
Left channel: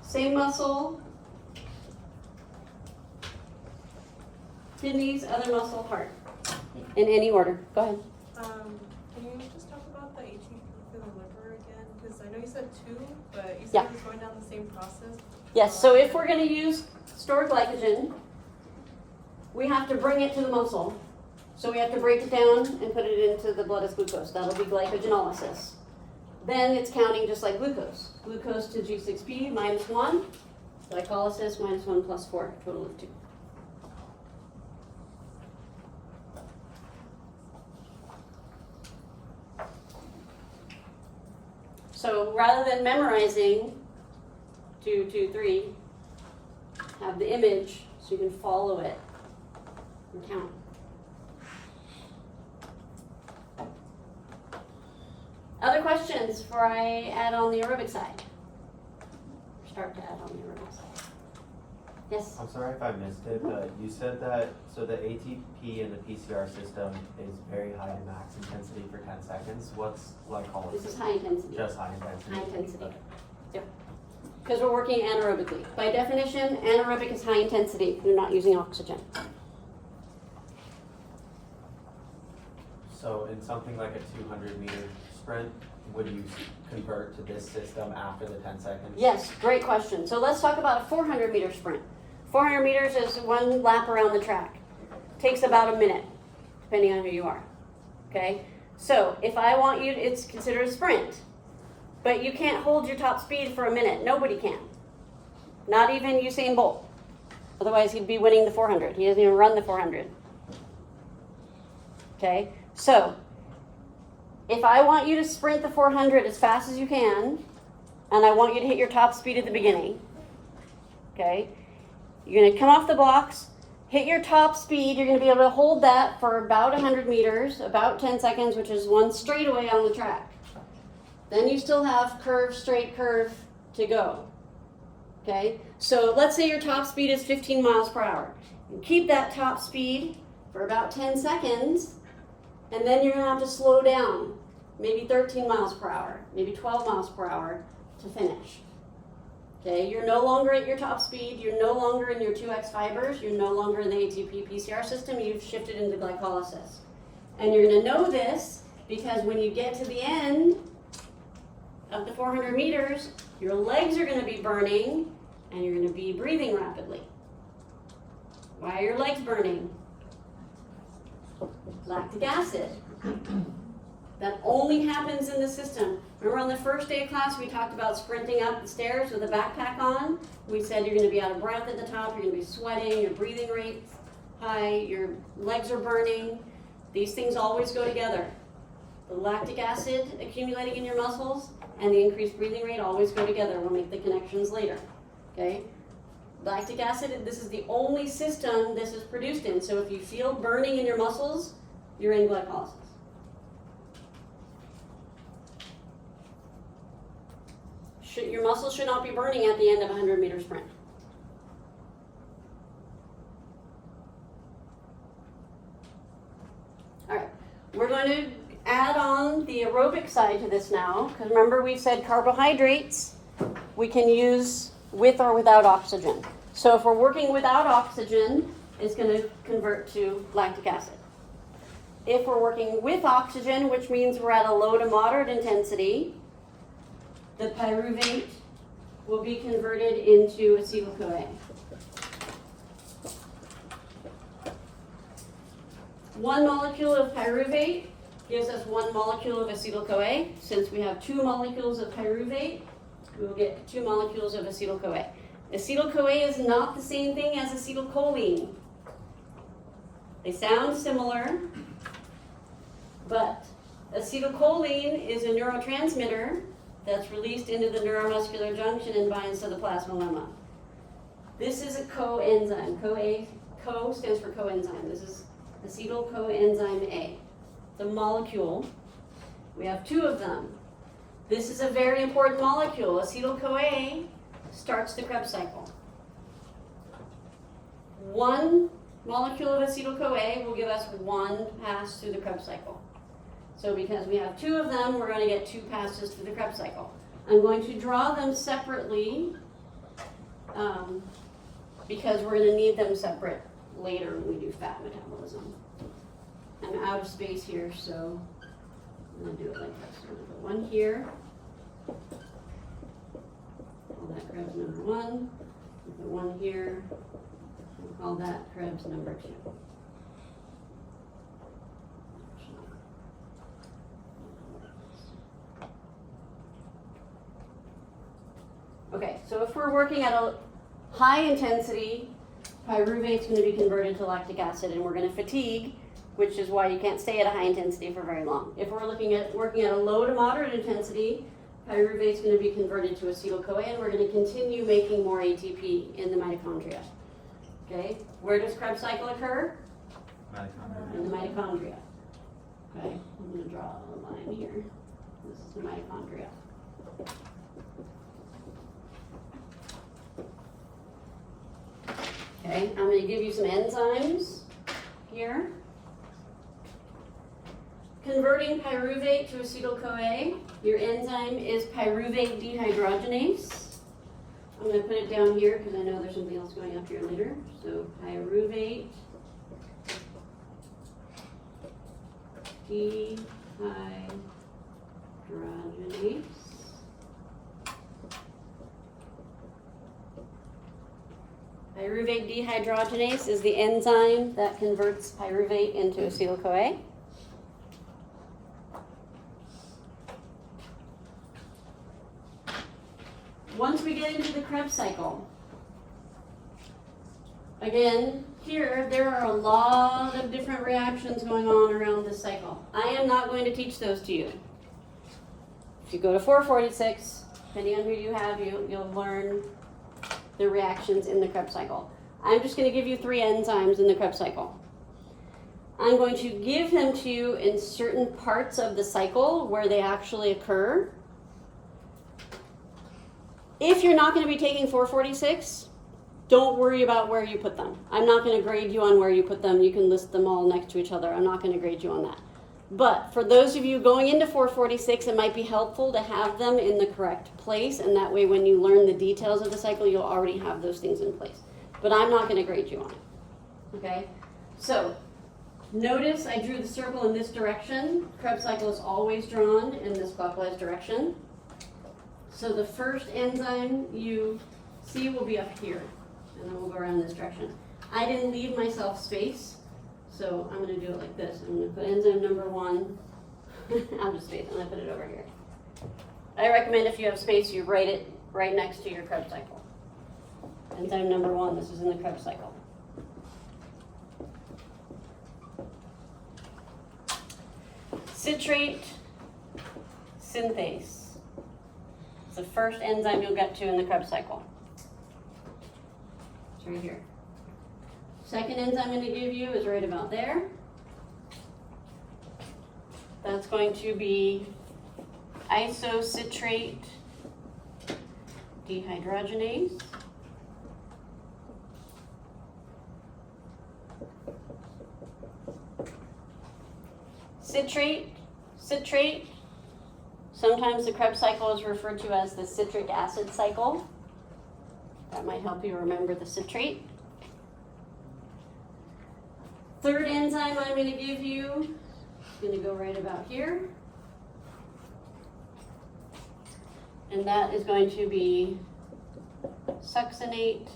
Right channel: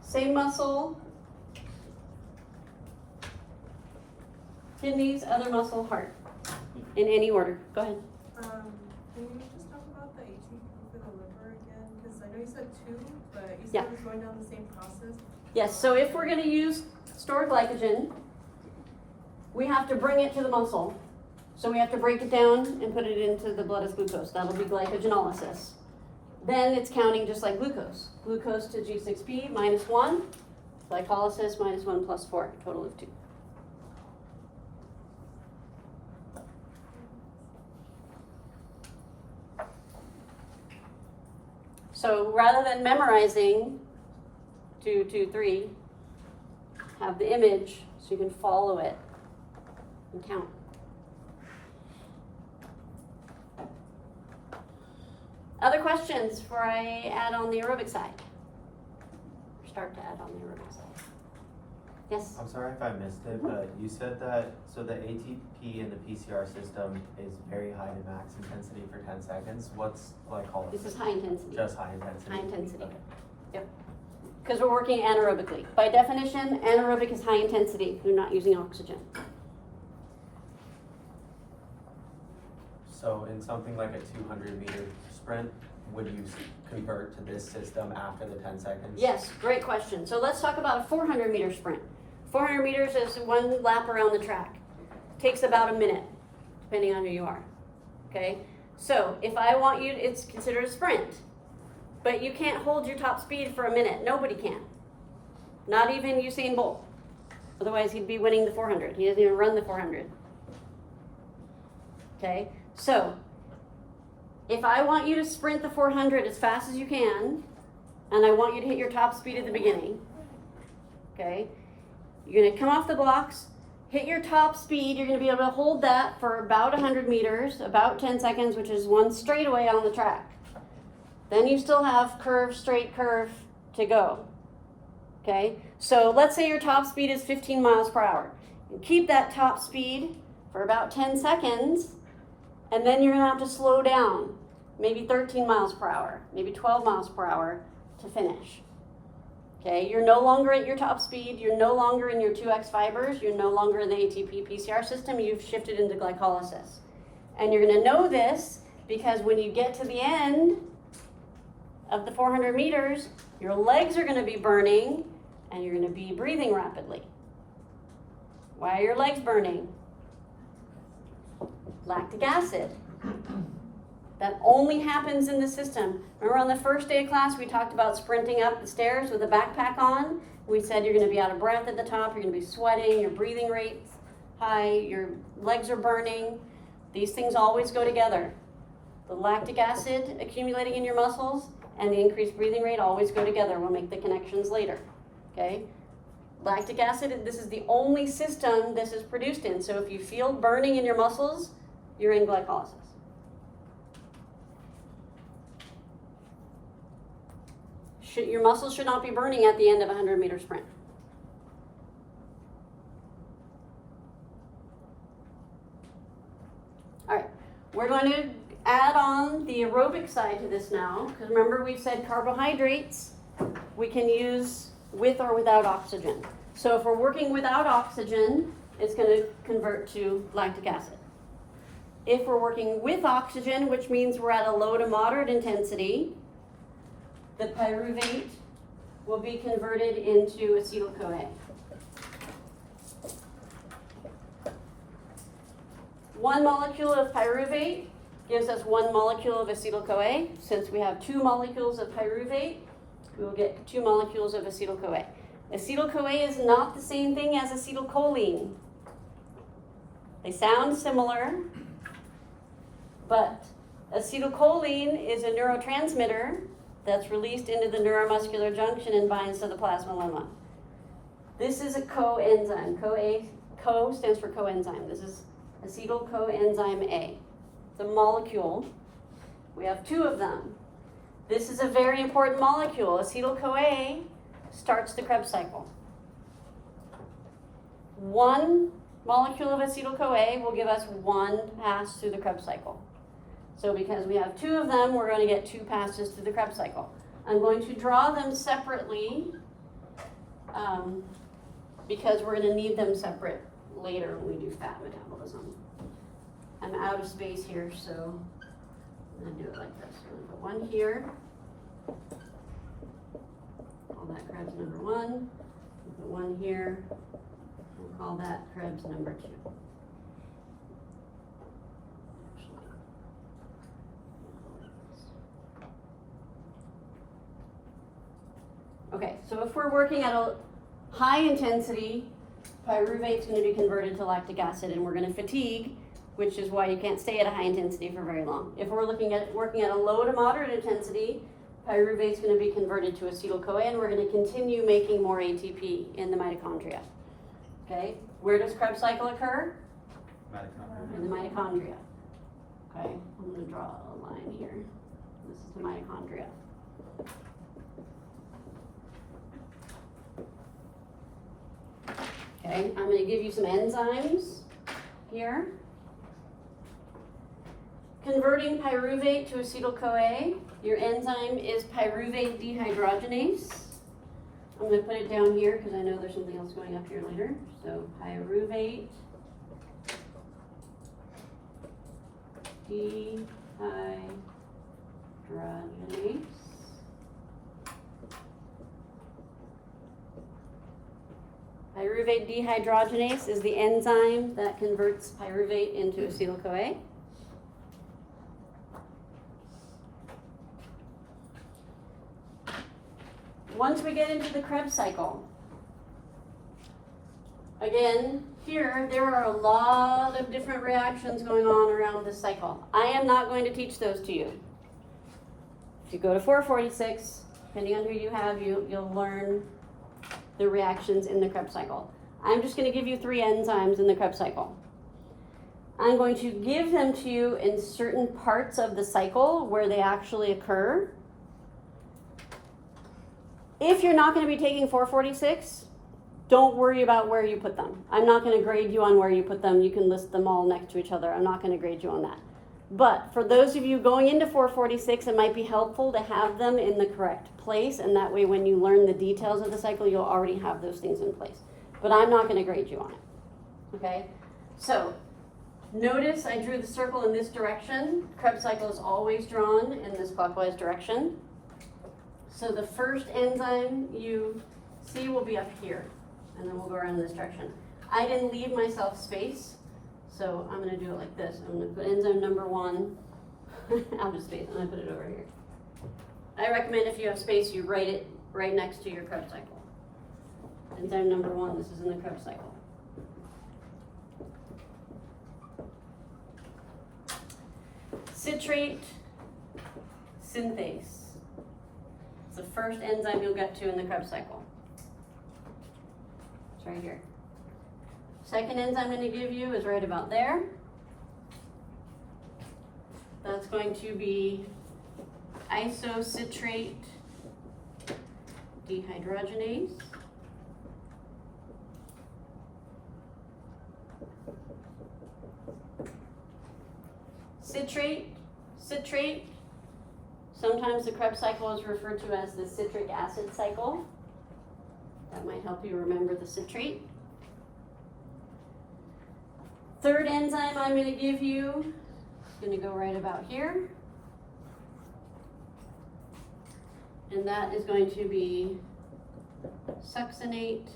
same muscle, kidneys, other muscle, heart. In any order. Go ahead. Can you just talk about the ATP for the liver again? Because I know you said 2, but you said Yeah. it was going down the same process. Yes, so if we're going to use stored glycogen, we have to bring it to the muscle. So we have to break it down and put it into the blood as glucose. That'll be glycogenolysis. Then it's counting just like glucose. Glucose to G6P, -1. Glycolysis, -1 plus 4, total of 2. So rather than memorizing 2, 2, 3, have the image so you can follow it and count. Other questions before I add on the aerobic side? Start to add on the aerobic side. Yes? I'm sorry if I missed it, but you said that, so the ATP in the PCR system is very high to max intensity for 10 seconds. What's glycolysis? This is high intensity. Just high intensity? High intensity. Okay. Yep. Because we're working anaerobically. By definition, anaerobic is high intensity. You're not using oxygen. So in something like a 200-meter sprint, would you convert to this system after the 10 seconds? Yes, great question. So let's talk about a 400-meter sprint. 400 meters is one lap around the track. Takes about a minute, depending on who you are. Okay? So if I want you, it's considered a sprint. But you can't hold your top speed for a minute. Nobody can. Not even Usain Bolt. Otherwise, he'd be winning the 400. He doesn't even run the 400. Okay? So, if I want you to sprint the 400 as fast as you can, and I want you to hit your top speed at the beginning, okay? You're going to come off the blocks, hit your top speed. You're going to be able to hold that for about 100 meters, about 10 seconds, which is one straightaway on the track. Then you still have curve, straight curve to go, okay? So let's say your top speed is 15 miles per hour. You keep that top speed for about 10 seconds, and then you're going to have to slow down, maybe 13 miles per hour, maybe 12 miles per hour to finish. Okay, you're no longer at your top speed, you're no longer in your 2X fibers, you're no longer in the ATP PCR system, you've shifted into glycolysis. And you're going to know this because when you get to the end of the 400 meters, your legs are going to be burning and you're going to be breathing rapidly. Why are your legs burning? Lactic acid. That only happens in the system. Remember on the first day of class we talked about sprinting up the stairs with a backpack on? We said you're going to be out of breath at the top, you're going to be sweating, your breathing rate's high, your legs are burning. These things always go together. The lactic acid accumulating in your muscles and the increased breathing rate always go together. We'll make the connections later. Okay? Lactic acid, this is the only system this is produced in. So if you feel burning in your muscles, you're in glycolysis. Your muscles should not be burning at the end of a 100-meter sprint. All right, we're going to add on the aerobic side to this now, because remember we said carbohydrates we can use with or without oxygen. So if we're working without oxygen, it's going to convert to lactic acid. If we're working with oxygen, which means we're at a low to moderate intensity, the pyruvate will be converted into acetyl-CoA. One molecule of pyruvate gives us one molecule of acetyl-CoA. Since we have two molecules of pyruvate, we will get 2 molecules of acetyl-CoA. Acetyl-CoA is not the same thing as acetylcholine. They sound similar, but acetylcholine is a neurotransmitter that's released into the neuromuscular junction and binds to the plasma lemma. This is a coenzyme. Co stands for coenzyme. This is acetyl coenzyme A. The molecule, we have 2 of them. This is a very important molecule. Acetyl-CoA starts the Krebs cycle. 1 molecule of acetyl-CoA will give us 1 pass through the Krebs cycle. So because we have 2 of them, we're going to get 2 passes through the Krebs cycle. I'm going to draw them separately because we're going to need them separate later when we do fat metabolism. I'm out of space here, so I'm going to do it like this. I'm going to put 1 here. Call that Krebs number 1. Put 1 here. We'll call that Krebs number 2. Okay, so if we're working at a high intensity, pyruvate is going to be converted to lactic acid and we're going to fatigue, which is why you can't stay at a high intensity for very long. If we're working at a low to moderate intensity, pyruvate is going to be converted to acetyl-CoA, and we're going to continue making more ATP in the mitochondria. Okay, where does Krebs cycle occur? In the mitochondria. Okay, I'm going to draw a line here. This is the mitochondria. Okay, I'm going to give you some enzymes here. Converting pyruvate to acetyl-CoA, your enzyme is pyruvate dehydrogenase. I'm going to put it down here because I know there's something else going up here later. So pyruvate dehydrogenase. Pyruvate dehydrogenase is the enzyme that converts pyruvate into acetyl-CoA. Once we get into the Krebs cycle, again, here there are a lot of different reactions going on around this cycle. I am not going to teach those to you. If you go to 446, depending on who you have, you'll learn the reactions in the Krebs cycle. I'm just going to give you 3 enzymes in the Krebs cycle. I'm going to give them to you in certain parts of the cycle where they actually occur. If you're not going to be taking 446, don't worry about where you put them. I'm not going to grade you on where you put them. You can list them all next to each other. I'm not going to grade you on that. But for those of you going into 446, it might be helpful to have them in the correct place, and that way when you learn the details of the cycle, you'll already have those things in place. But I'm not going to grade you on it. Okay? So, notice I drew the circle in this direction. Krebs cycle is always drawn in this clockwise direction. So the first enzyme you see will be up here, and then we'll go around in this direction. I didn't leave myself space, so I'm going to do it like this. I'm going to put enzyme number 1 out of space. I'm going to put it over here. I recommend if you have space, you write it right next to your Krebs cycle. Enzyme number 1, this is in the Krebs cycle. Citrate synthase. It's the first enzyme you'll get to in the Krebs cycle. It's right here. Second enzyme I'm going to give you is right about there. That's going to be isocitrate dehydrogenase. Citrate. Sometimes the Krebs cycle is referred to as the citric acid cycle. That might help you remember the citrate. Third enzyme I'm going to give you is going to go right about here. And that is going to be succinate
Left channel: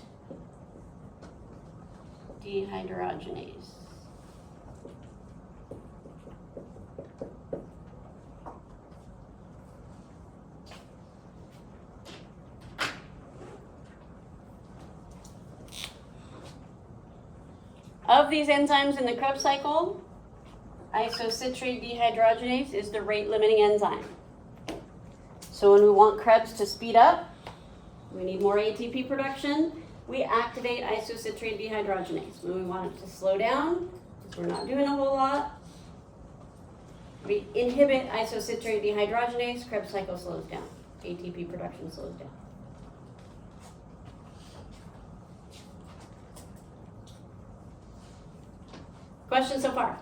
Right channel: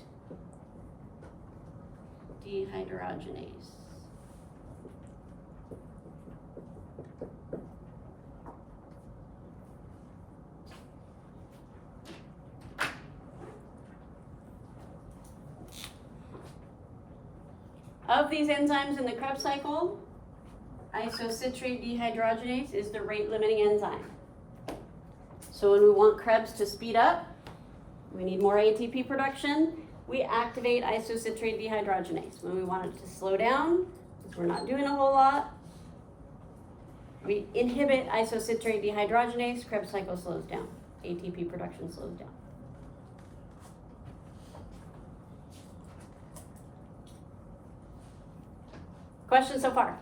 dehydrogenase. Of these enzymes in the Krebs cycle, isocitrate dehydrogenase is the rate-limiting enzyme. So when we want Krebs to speed up, we need more ATP production, we activate isocitrate dehydrogenase. When we want it to slow down, because we're not doing a whole lot, we inhibit isocitrate dehydrogenase, Krebs cycle slows down. ATP production slows down. Questions so far?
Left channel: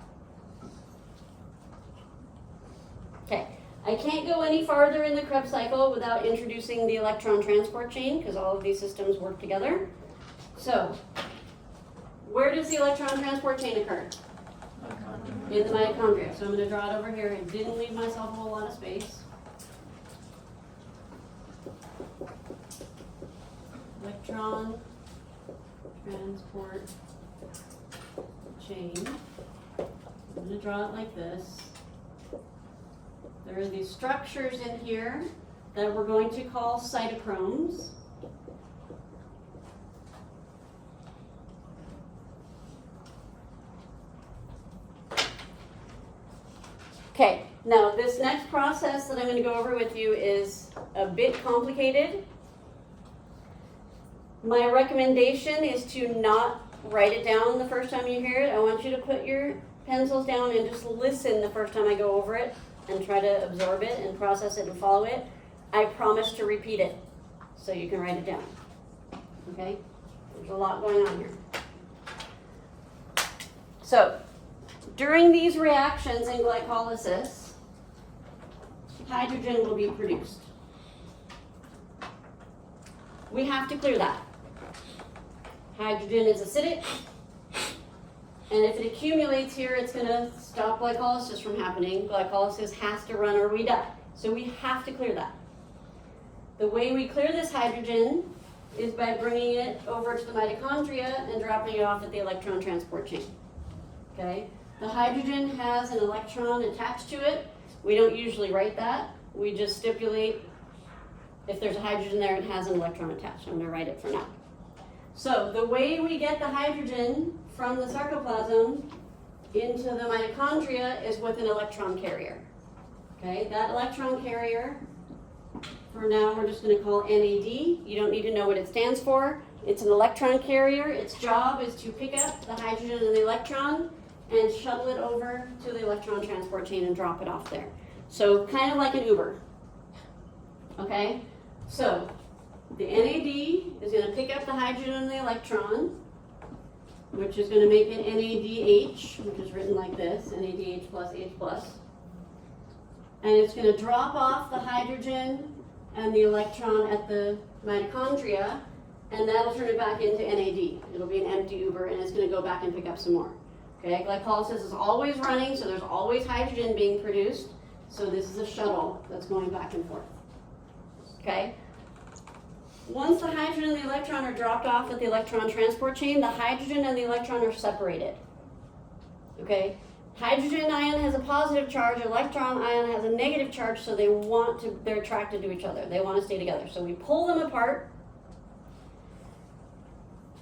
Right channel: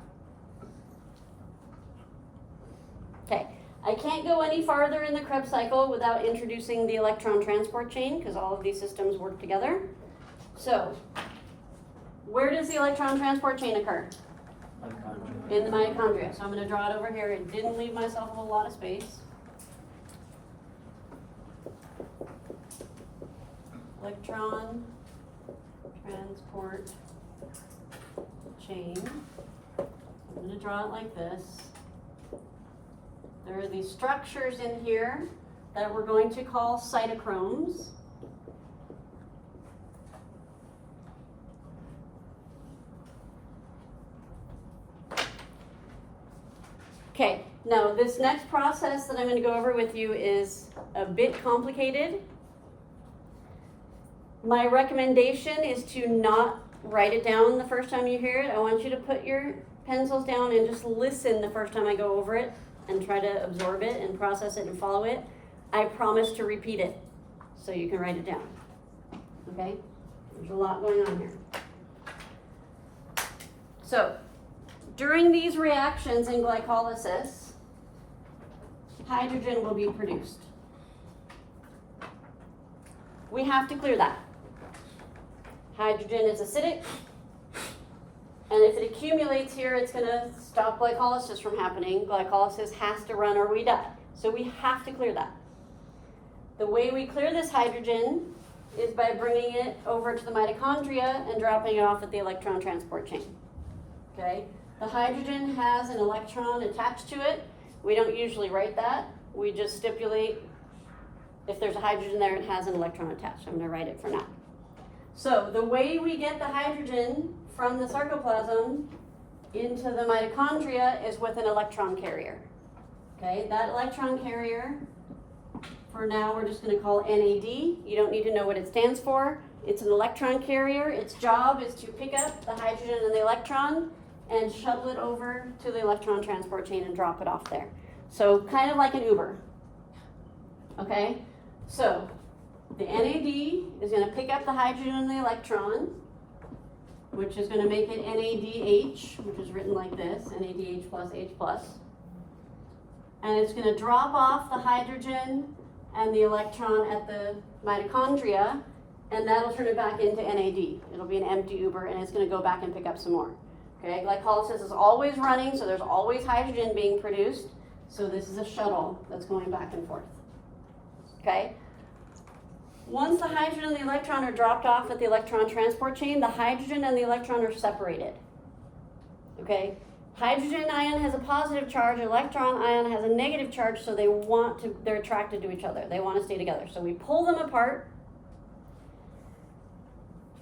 Okay, I can't go any farther in the Krebs cycle without introducing the electron transport chain because all of these systems work together. So, where does the electron transport chain occur? In the mitochondria. So I'm going to draw it over here. I didn't leave myself a whole lot of space. Electron transport chain. I'm going to draw it like this. There are these structures in here that we're going to call cytochromes. Okay, now this next process that I'm going to go over with you is a bit complicated. My recommendation is to not write it down the first time you hear it. I want you to put your pencils down and just listen the first time I go over it and try to absorb it and process it and follow it. I promise to repeat it so you can write it down. Okay? There's a lot going on here. So, during these reactions in glycolysis, hydrogen will be produced. We have to clear that. Hydrogen is acidic, and if it accumulates here, it's going to stop glycolysis from happening. Glycolysis has to run or we die. So we have to clear that. The way we clear this hydrogen is by bringing it over to the mitochondria and dropping it off at the electron transport chain. Okay? The hydrogen has an electron attached to it. We don't usually write that. We just stipulate if there's a hydrogen there, it has an electron attached. I'm going to write it for now. So the way we get the hydrogen from the sarcoplasm into the mitochondria is with an electron carrier. Okay, that electron carrier, for now we're just going to call NAD. You don't need to know what it stands for. It's an electron carrier. Its job is to pick up the hydrogen and the electron and shuttle it over to the electron transport chain and drop it off there. So kind of like an Uber. Okay, so the NAD is going to pick up the hydrogen and the electron, which is going to make it NADH, which is written like this, NADH plus H plus. And it's going to drop off the hydrogen and the electron at the mitochondria, and that'll turn it back into NAD. It'll be an empty Uber, and it's going to go back and pick up some more. Okay, glycolysis is always running, so there's always hydrogen being produced. So this is a shuttle that's going back and forth. Okay? Once the hydrogen and the electron are dropped off at the electron transport chain, the hydrogen and the electron are separated. Okay? Hydrogen ion has a positive charge, electron ion has a negative charge, so they're attracted to each other. They want to stay together. So we pull them apart.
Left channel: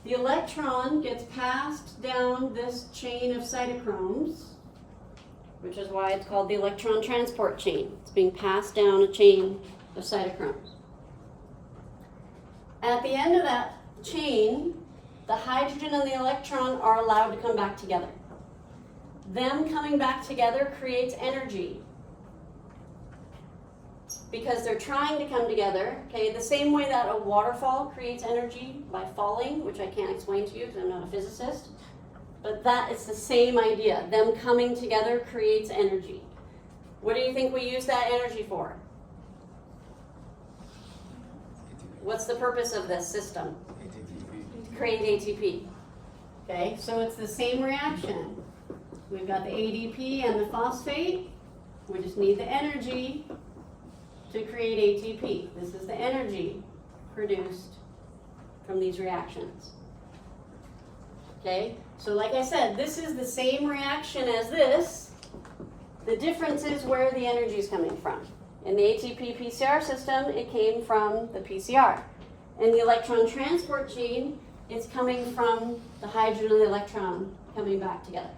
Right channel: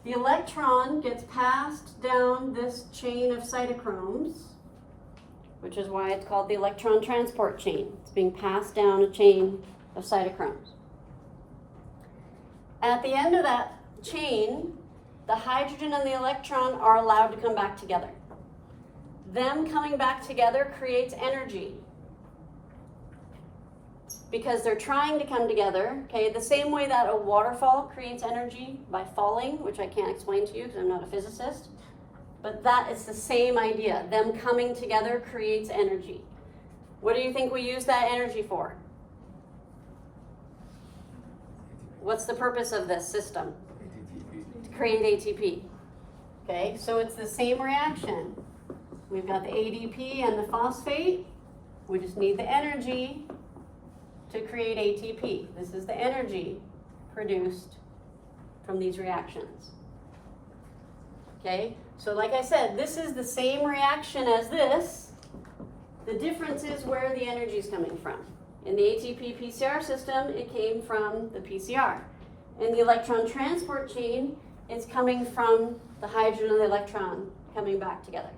The electron gets passed down this chain of cytochromes, which is why it's called the electron transport chain. It's being passed down a chain of cytochromes. At the end of that chain, the hydrogen and the electron are allowed to come back together. Them coming back together creates energy because they're trying to come together, okay? The same way that a waterfall creates energy by falling, which I can't explain to you because I'm not a physicist, but that is the same idea. Them coming together creates energy. What do you think we use that energy for? What's the purpose of this system? To create ATP. Okay, so it's the same reaction. We've got the ADP and the phosphate. We just need the energy to create ATP. This is the energy produced from these reactions. Okay, so like I said, this is the same reaction as this. The difference is where the energy is coming from. In the ATP PCR system, it came from the PCR. In the electron transport chain, it's coming from the hydrogen and the electron coming back together.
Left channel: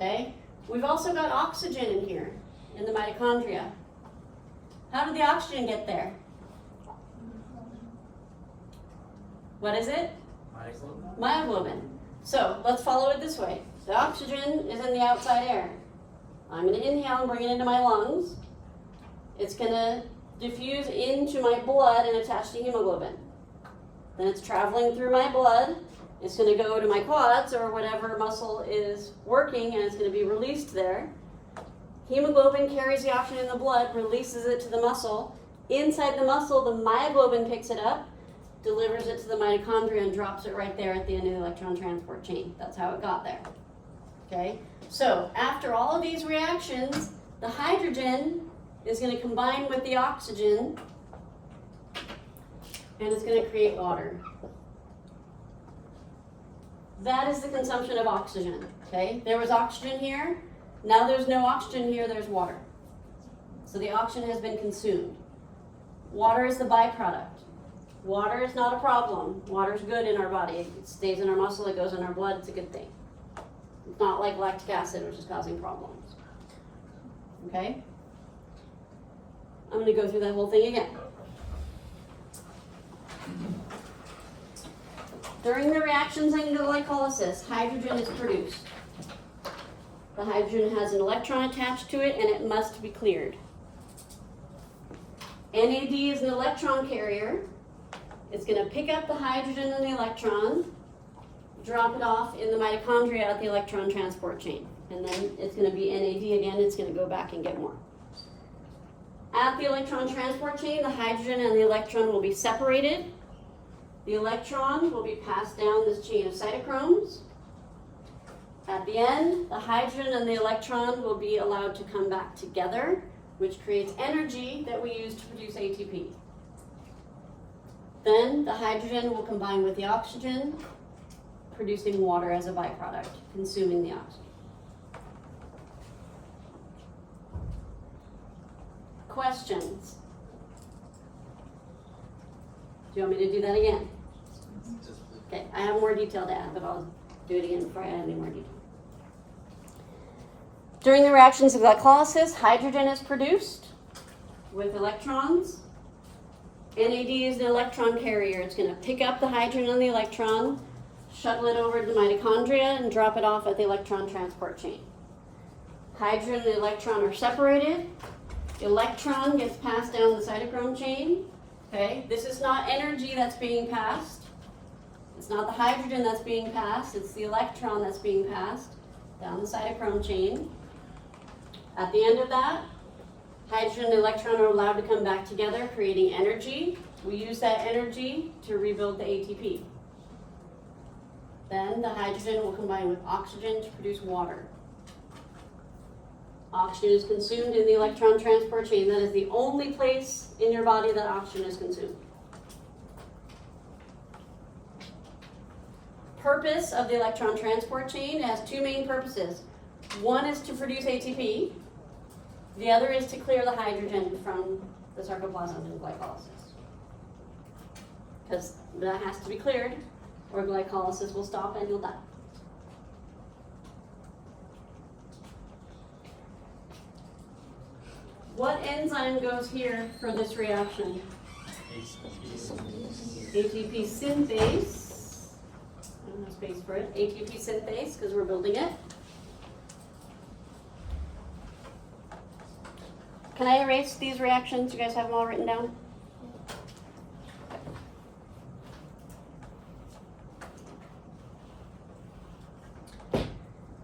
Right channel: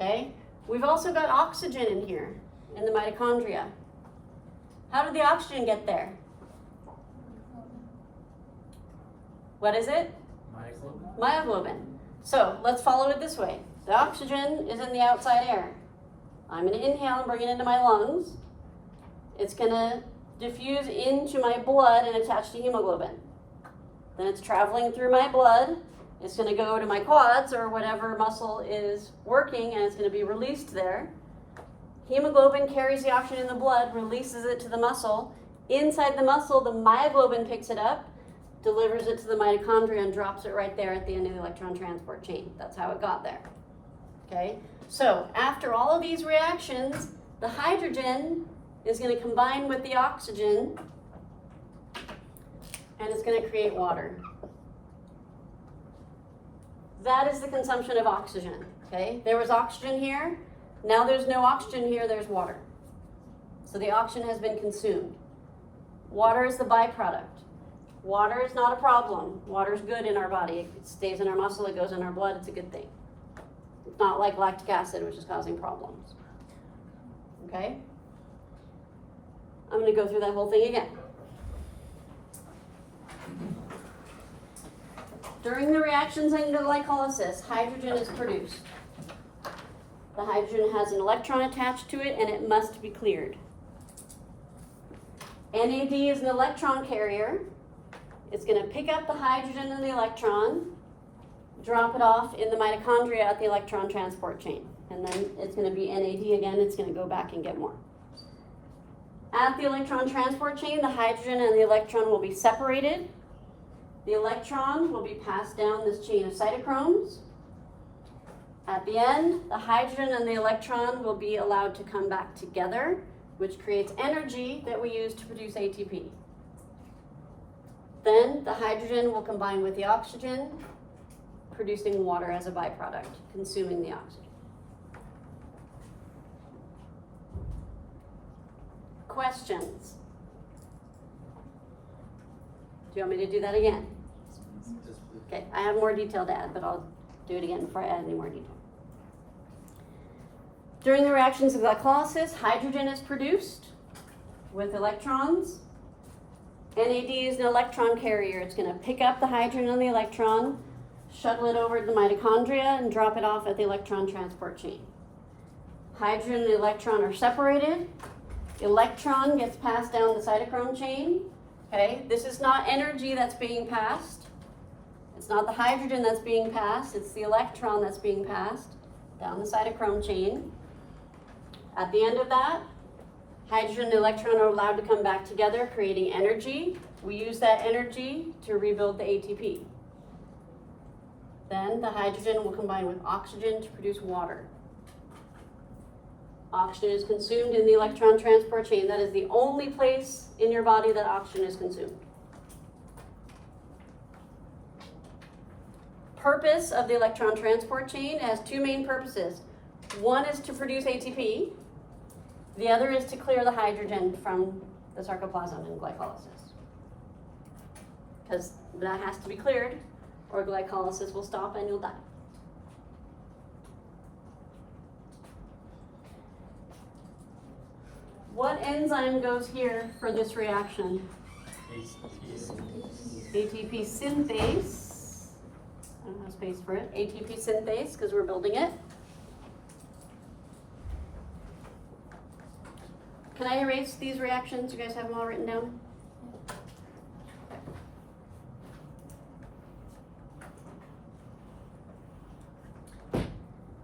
Okay? We've also got oxygen in here, in the mitochondria. How did the oxygen get there? What is it? Myoglobin. So, let's follow it this way. The oxygen is in the outside air. I'm going to inhale and bring it into my lungs. It's going to diffuse into my blood and attach to hemoglobin. Then it's traveling through my blood. It's going to go to my quads or whatever muscle is working, and it's going to be released there. Hemoglobin carries the oxygen in the blood, releases it to the muscle. Inside the muscle, the myoglobin picks it up, delivers it to the mitochondria, and drops it right there at the end of the electron transport chain. That's how it got there. Okay? So, after all of these reactions, the hydrogen is going to combine with the oxygen, and it's going to create water. That is the consumption of oxygen. Okay? There was oxygen here. Now there's no oxygen here, there's water. So the oxygen has been consumed. Water is the byproduct. Water is not a problem. Water is good in our body. It stays in our muscle, it goes in our blood, it's a good thing. It's not like lactic acid, which is causing problems. Okay? I'm gonna go through that whole thing again. During the reactions in glycolysis, hydrogen is produced. The hydrogen has an electron attached to it and it must be cleared. NAD is an electron carrier. It's going to pick up the hydrogen and the electron, drop it off in the mitochondria at the electron transport chain. And then it's going to be NAD again, it's going to go back and get more. At the electron transport chain, the hydrogen and the electron will be separated. The electron will be passed down this chain of cytochromes. At the end, the hydrogen and the electron will be allowed to come back together, which creates energy that we use to produce ATP. Then the hydrogen will combine with the oxygen, producing water as a byproduct, consuming the oxygen. Questions? Do you want me to do that again? Okay, I have more detail to add, but I'll do it again before I add any more detail. During the reactions of glycolysis, hydrogen is produced with electrons. NAD is an electron carrier. It's going to pick up the hydrogen and the electron, shuttle it over to the mitochondria, and drop it off at the electron transport chain. Hydrogen and the electron are separated. The electron gets passed down the cytochrome chain. Okay, this is not energy that's being passed. It's not the hydrogen that's being passed. It's the electron that's being passed down the cytochrome chain. At the end of that, hydrogen and the electron are allowed to come back together, creating energy. We use that energy to rebuild the ATP. Then the hydrogen will combine with oxygen to produce water. Oxygen is consumed in the electron transport chain. That is the only place in your body that oxygen is consumed. Purpose of the electron transport chain has two main purposes. One is to produce ATP. The other is to clear the hydrogen from the sarcoplasm in glycolysis. Because that has to be cleared, or glycolysis will stop and you'll die. What enzyme goes here for this reaction? ATP synthase. I don't have space for it. ATP synthase, because we're building it. Can I erase these reactions? You guys have them all written down?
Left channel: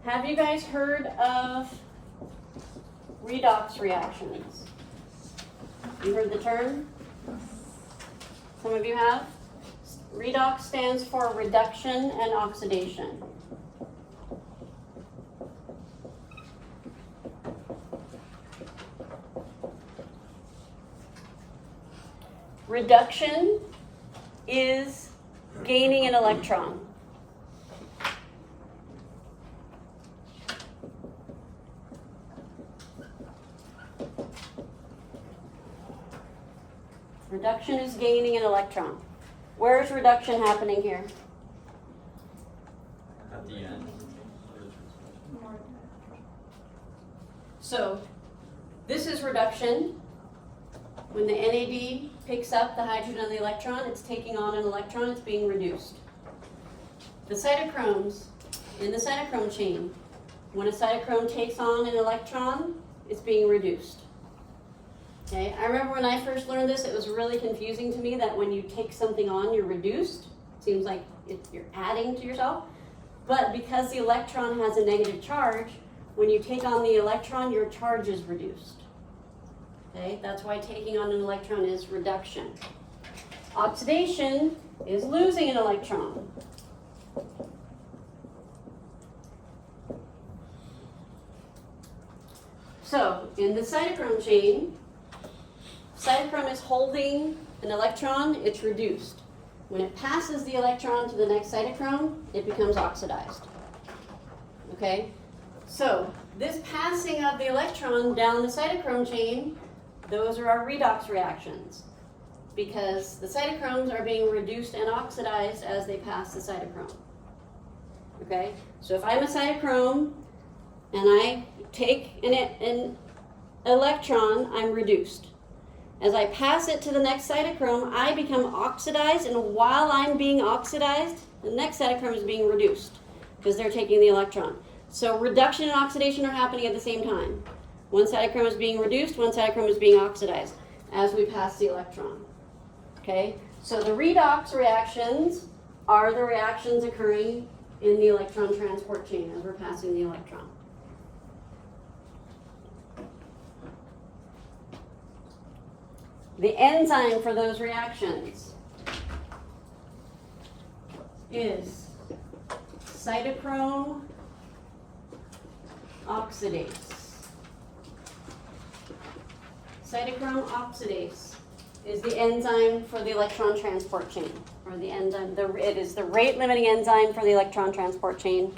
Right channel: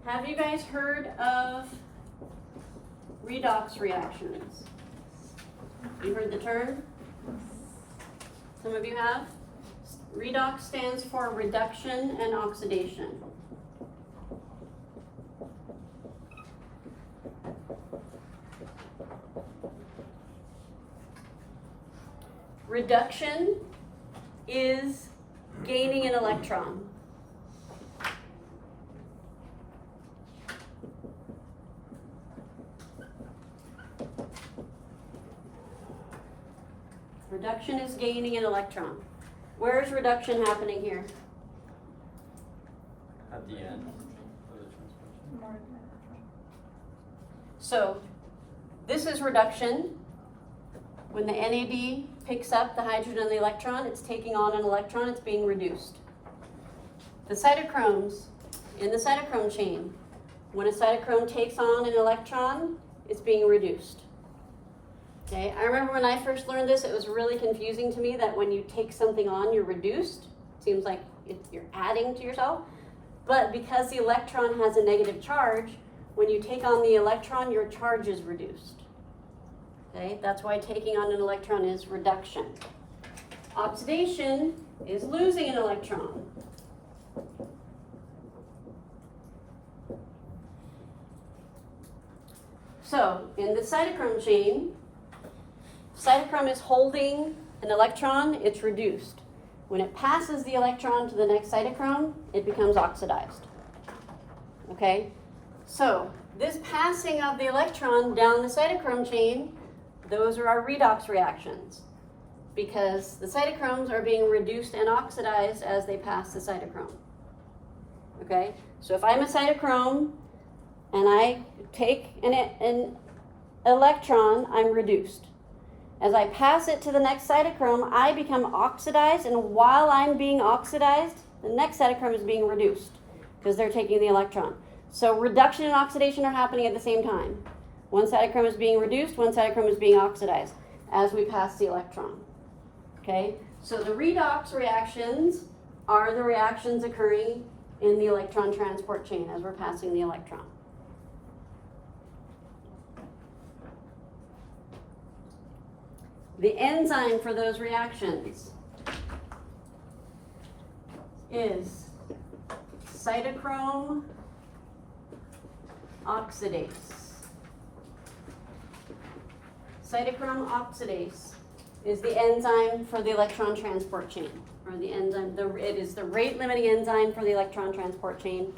Have you guys heard of redox reactions? You heard the term? Some of you have? Redox stands for reduction and oxidation. Reduction is gaining an electron. Reduction is gaining an electron. Where is reduction happening here? At the end. So, this is reduction. When the NAD picks up the hydrogen and the electron, it's taking on an electron, it's being reduced. The cytochromes, in the cytochrome chain, when a cytochrome takes on an electron, it's being reduced. Okay, I remember when I first learned this, it was really confusing to me that when you take something on, you're reduced. Seems like you're adding to yourself. But because the electron has a negative charge, when you take on the electron, your charge is reduced. Okay, that's why taking on an electron is reduction. Oxidation is losing an electron. So, in the cytochrome chain, cytochrome is holding an electron, it's reduced. When it passes the electron to the next cytochrome, it becomes oxidized. Okay? So, this passing of the electron down the cytochrome chain, those are our redox reactions. Because the cytochromes are being reduced and oxidized as they pass the cytochrome. Okay? So if I'm a cytochrome and I take an electron, I'm reduced. As I pass it to the next cytochrome, I become oxidized, and while I'm being oxidized, the next cytochrome is being reduced because they're taking the electron. So reduction and oxidation are happening at the same time. One cytochrome is being reduced, one cytochrome is being oxidized as we pass the electron. Okay? So the redox reactions are the reactions occurring in the electron transport chain as we're passing the electron. The enzyme for those reactions is cytochrome oxidase. Cytochrome oxidase is the enzyme for the electron transport chain, or the enzyme. It is the rate-limiting enzyme for the electron transport chain.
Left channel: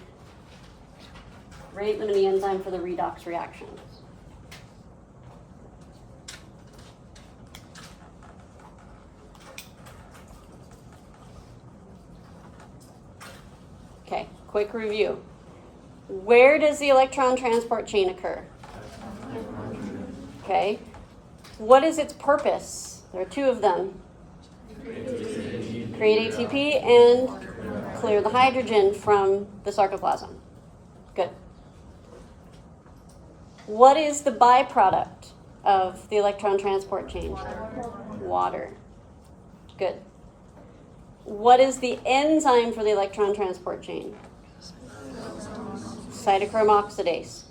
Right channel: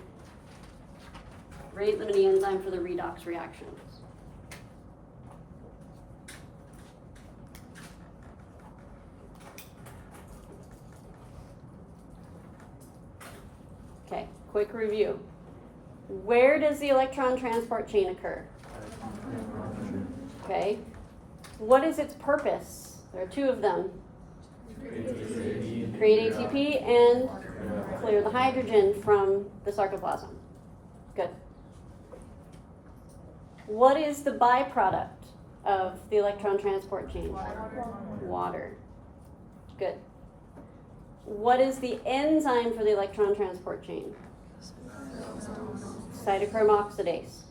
Rate-limiting enzyme for the redox reactions. Okay, quick review. Where does the electron transport chain occur? Okay. What is its purpose? There are two of them. Create ATP and clear the hydrogen from the sarcoplasm. Good. What is the byproduct of the electron transport chain? Water. Good. What is the enzyme for the electron transport chain? Cytochrome oxidase.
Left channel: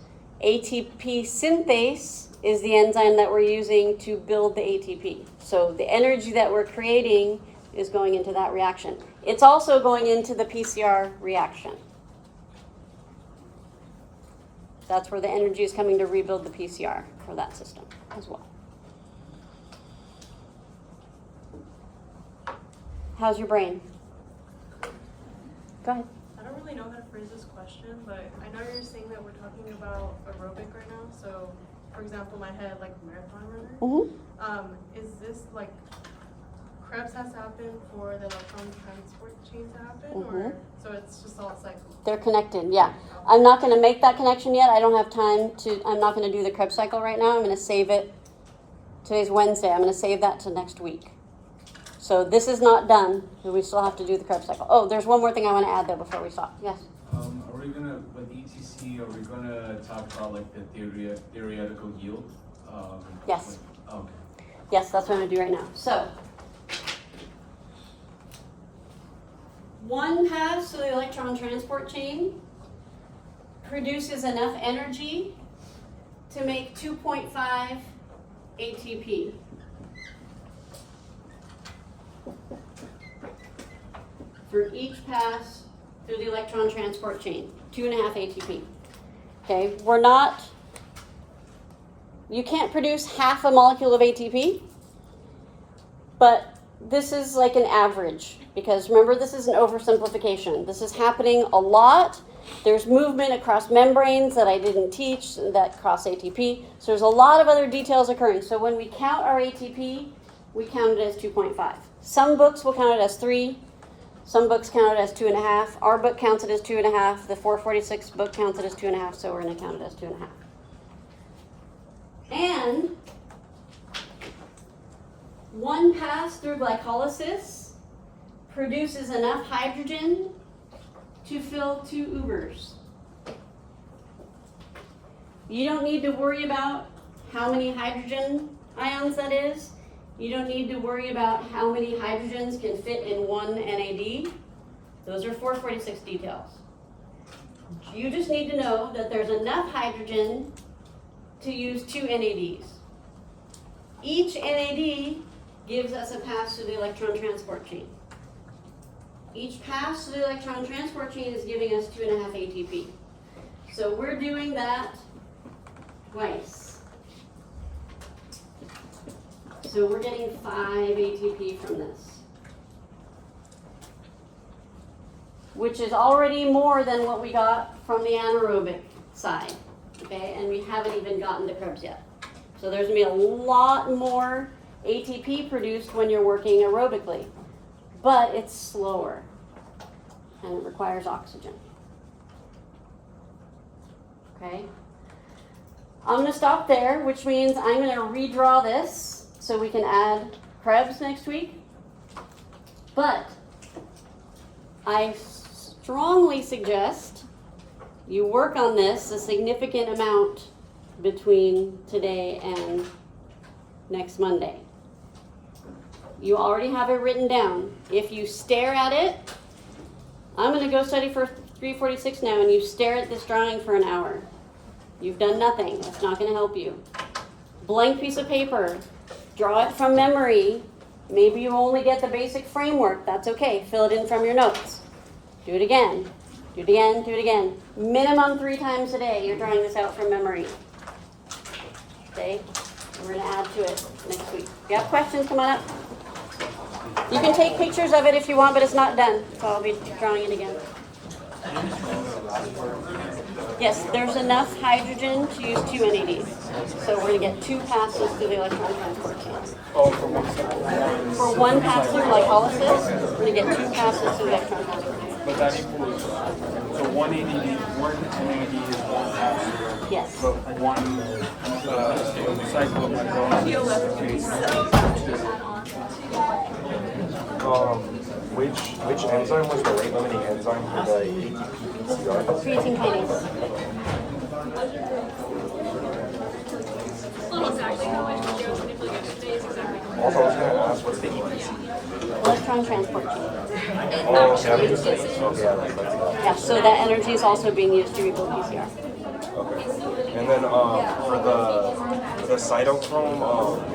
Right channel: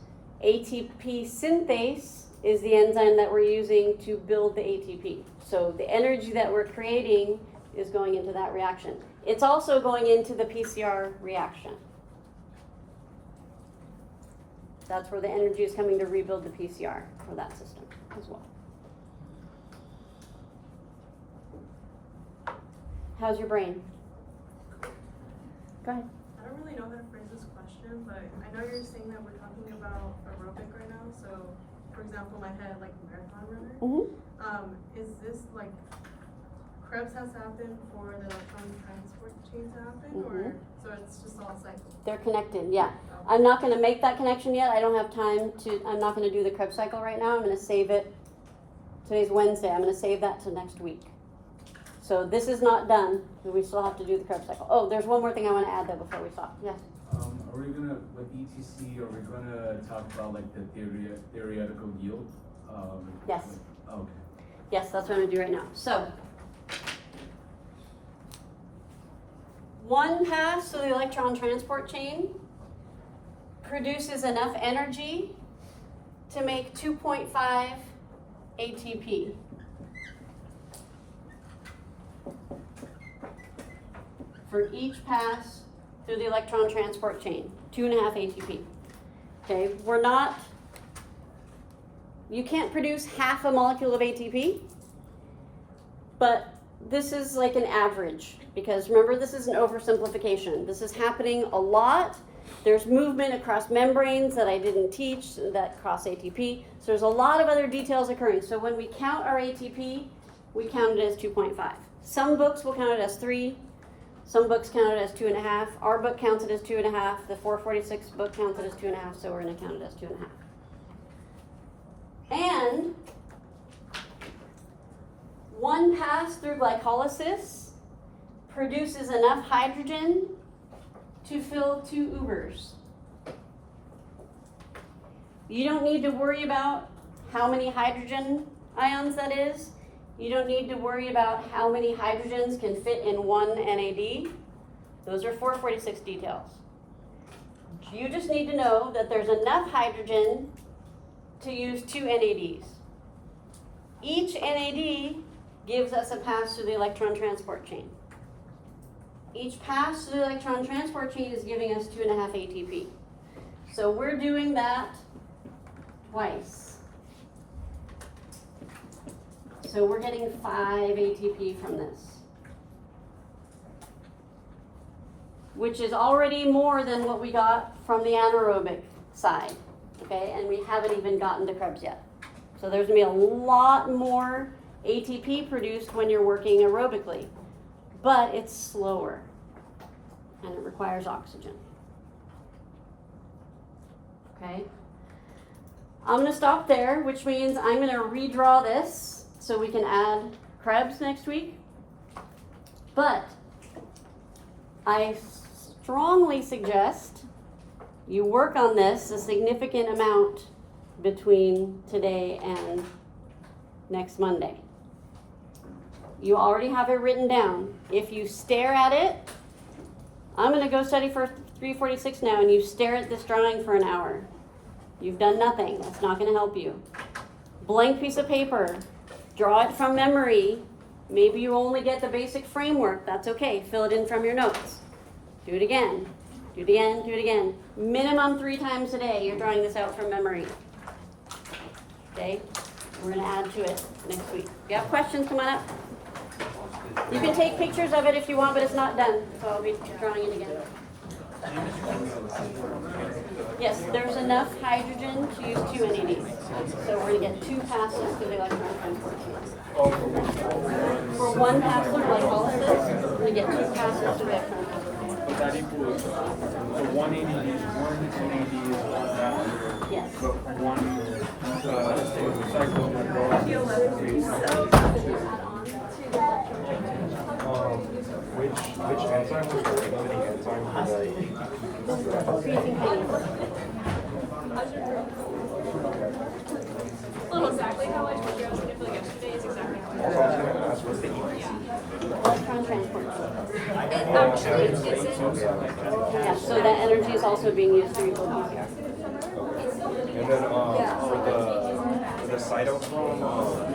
ATP synthase is the enzyme that we're using to build the ATP. So the energy that we're creating is going into that reaction. It's also going into the PCR reaction. That's where the energy is coming to rebuild the PCR for that system as well. How's your brain? Go ahead. I don't really know how to phrase this question, but I know you're saying that we're talking about aerobic right now. So, for example, my head, like a marathon runner. Mm-hmm. Is this like Krebs has to happen for the electron transport chain to happen, or so it's just all cycle? They're connected, yeah. I'm not going to make that connection yet. I don't have time to. I'm not going to do the Krebs cycle right now. I'm going to save it. Today's Wednesday. I'm going to save that to next week. So this is not done. We still have to do the Krebs cycle. Oh, there's one more thing I want to add though before we stop. Yes. Are we gonna, with ETC, are we gonna talk about like the theoretical yield? Yes. Okay. Yes, that's what I'm going to do right now. So, one pass through the electron transport chain produces enough energy to make 2.5 ATP. For each pass through the electron transport chain, 2.5 ATP. Okay, you can't produce half a molecule of ATP, but this is like an average, because remember, this is an oversimplification. This is happening a lot. There's movement across membranes that I didn't teach that cross ATP. So there's a lot of other details occurring. So when we count our ATP, we count it as 2.5. Some books will count it as 3. Some books count it as 2.5. Our book counts it as 2.5. The 446 book counts it as 2.5, so we're going to count it as 2.5. And one pass through glycolysis produces enough hydrogen to fill 2 Ubers. You don't need to worry about how many hydrogen ions that is. You don't need to worry about how many hydrogens can fit in one NAD. Those are 446 details. You just need to know that there's enough hydrogen to use 2 NADs. Each NAD gives us a pass through the electron transport chain. Each pass through the electron transport chain is giving us 2.5 ATP. So we're doing that twice. So we're getting 5 ATP from this, which is already more than what we got from the anaerobic side, okay? And we haven't even gotten to Krebs yet. So there's gonna be a lot more ATP produced when you're working aerobically, but it's slower and it requires oxygen, okay? I'm gonna stop there, which means I'm gonna redraw this so we can add Krebs next week. But I strongly suggest you work on this a significant amount between today and next Monday. You already have it written down. If you stare at it, I'm going to go study for 346 now, and you stare at this drawing for an hour. You've done nothing. That's not going to help you. Blank piece of paper. Draw it from memory. Maybe you only get the basic framework. That's okay. Fill it in from your notes. Do it again. Do it again. Do it again. Minimum 3 times a day, you're drawing this out from memory. Okay? We're going to add to it next week. If you have questions, come on up. You can take pictures of it if you want, but it's not done. So I'll be drawing it again. Yes, there's enough hydrogen to use 2 NADs. So we're going to get 2 passes to the electron transport. For 1 pass of glycolysis, we're going to get 2 passes to the electron transport. But that includes, so 180, 180 is 1 pass. Yes. But 1 cycle of Which enzyme was the rate limiting enzyme for the Creatine kinase. Well, exactly how I told you I was gonna feel yesterday is exactly how I also I was gonna ask what's the EPC? Electron transport. actually is it. Yeah, so that energy is also being used to rebuild PCR. Okay. And then for the cytochrome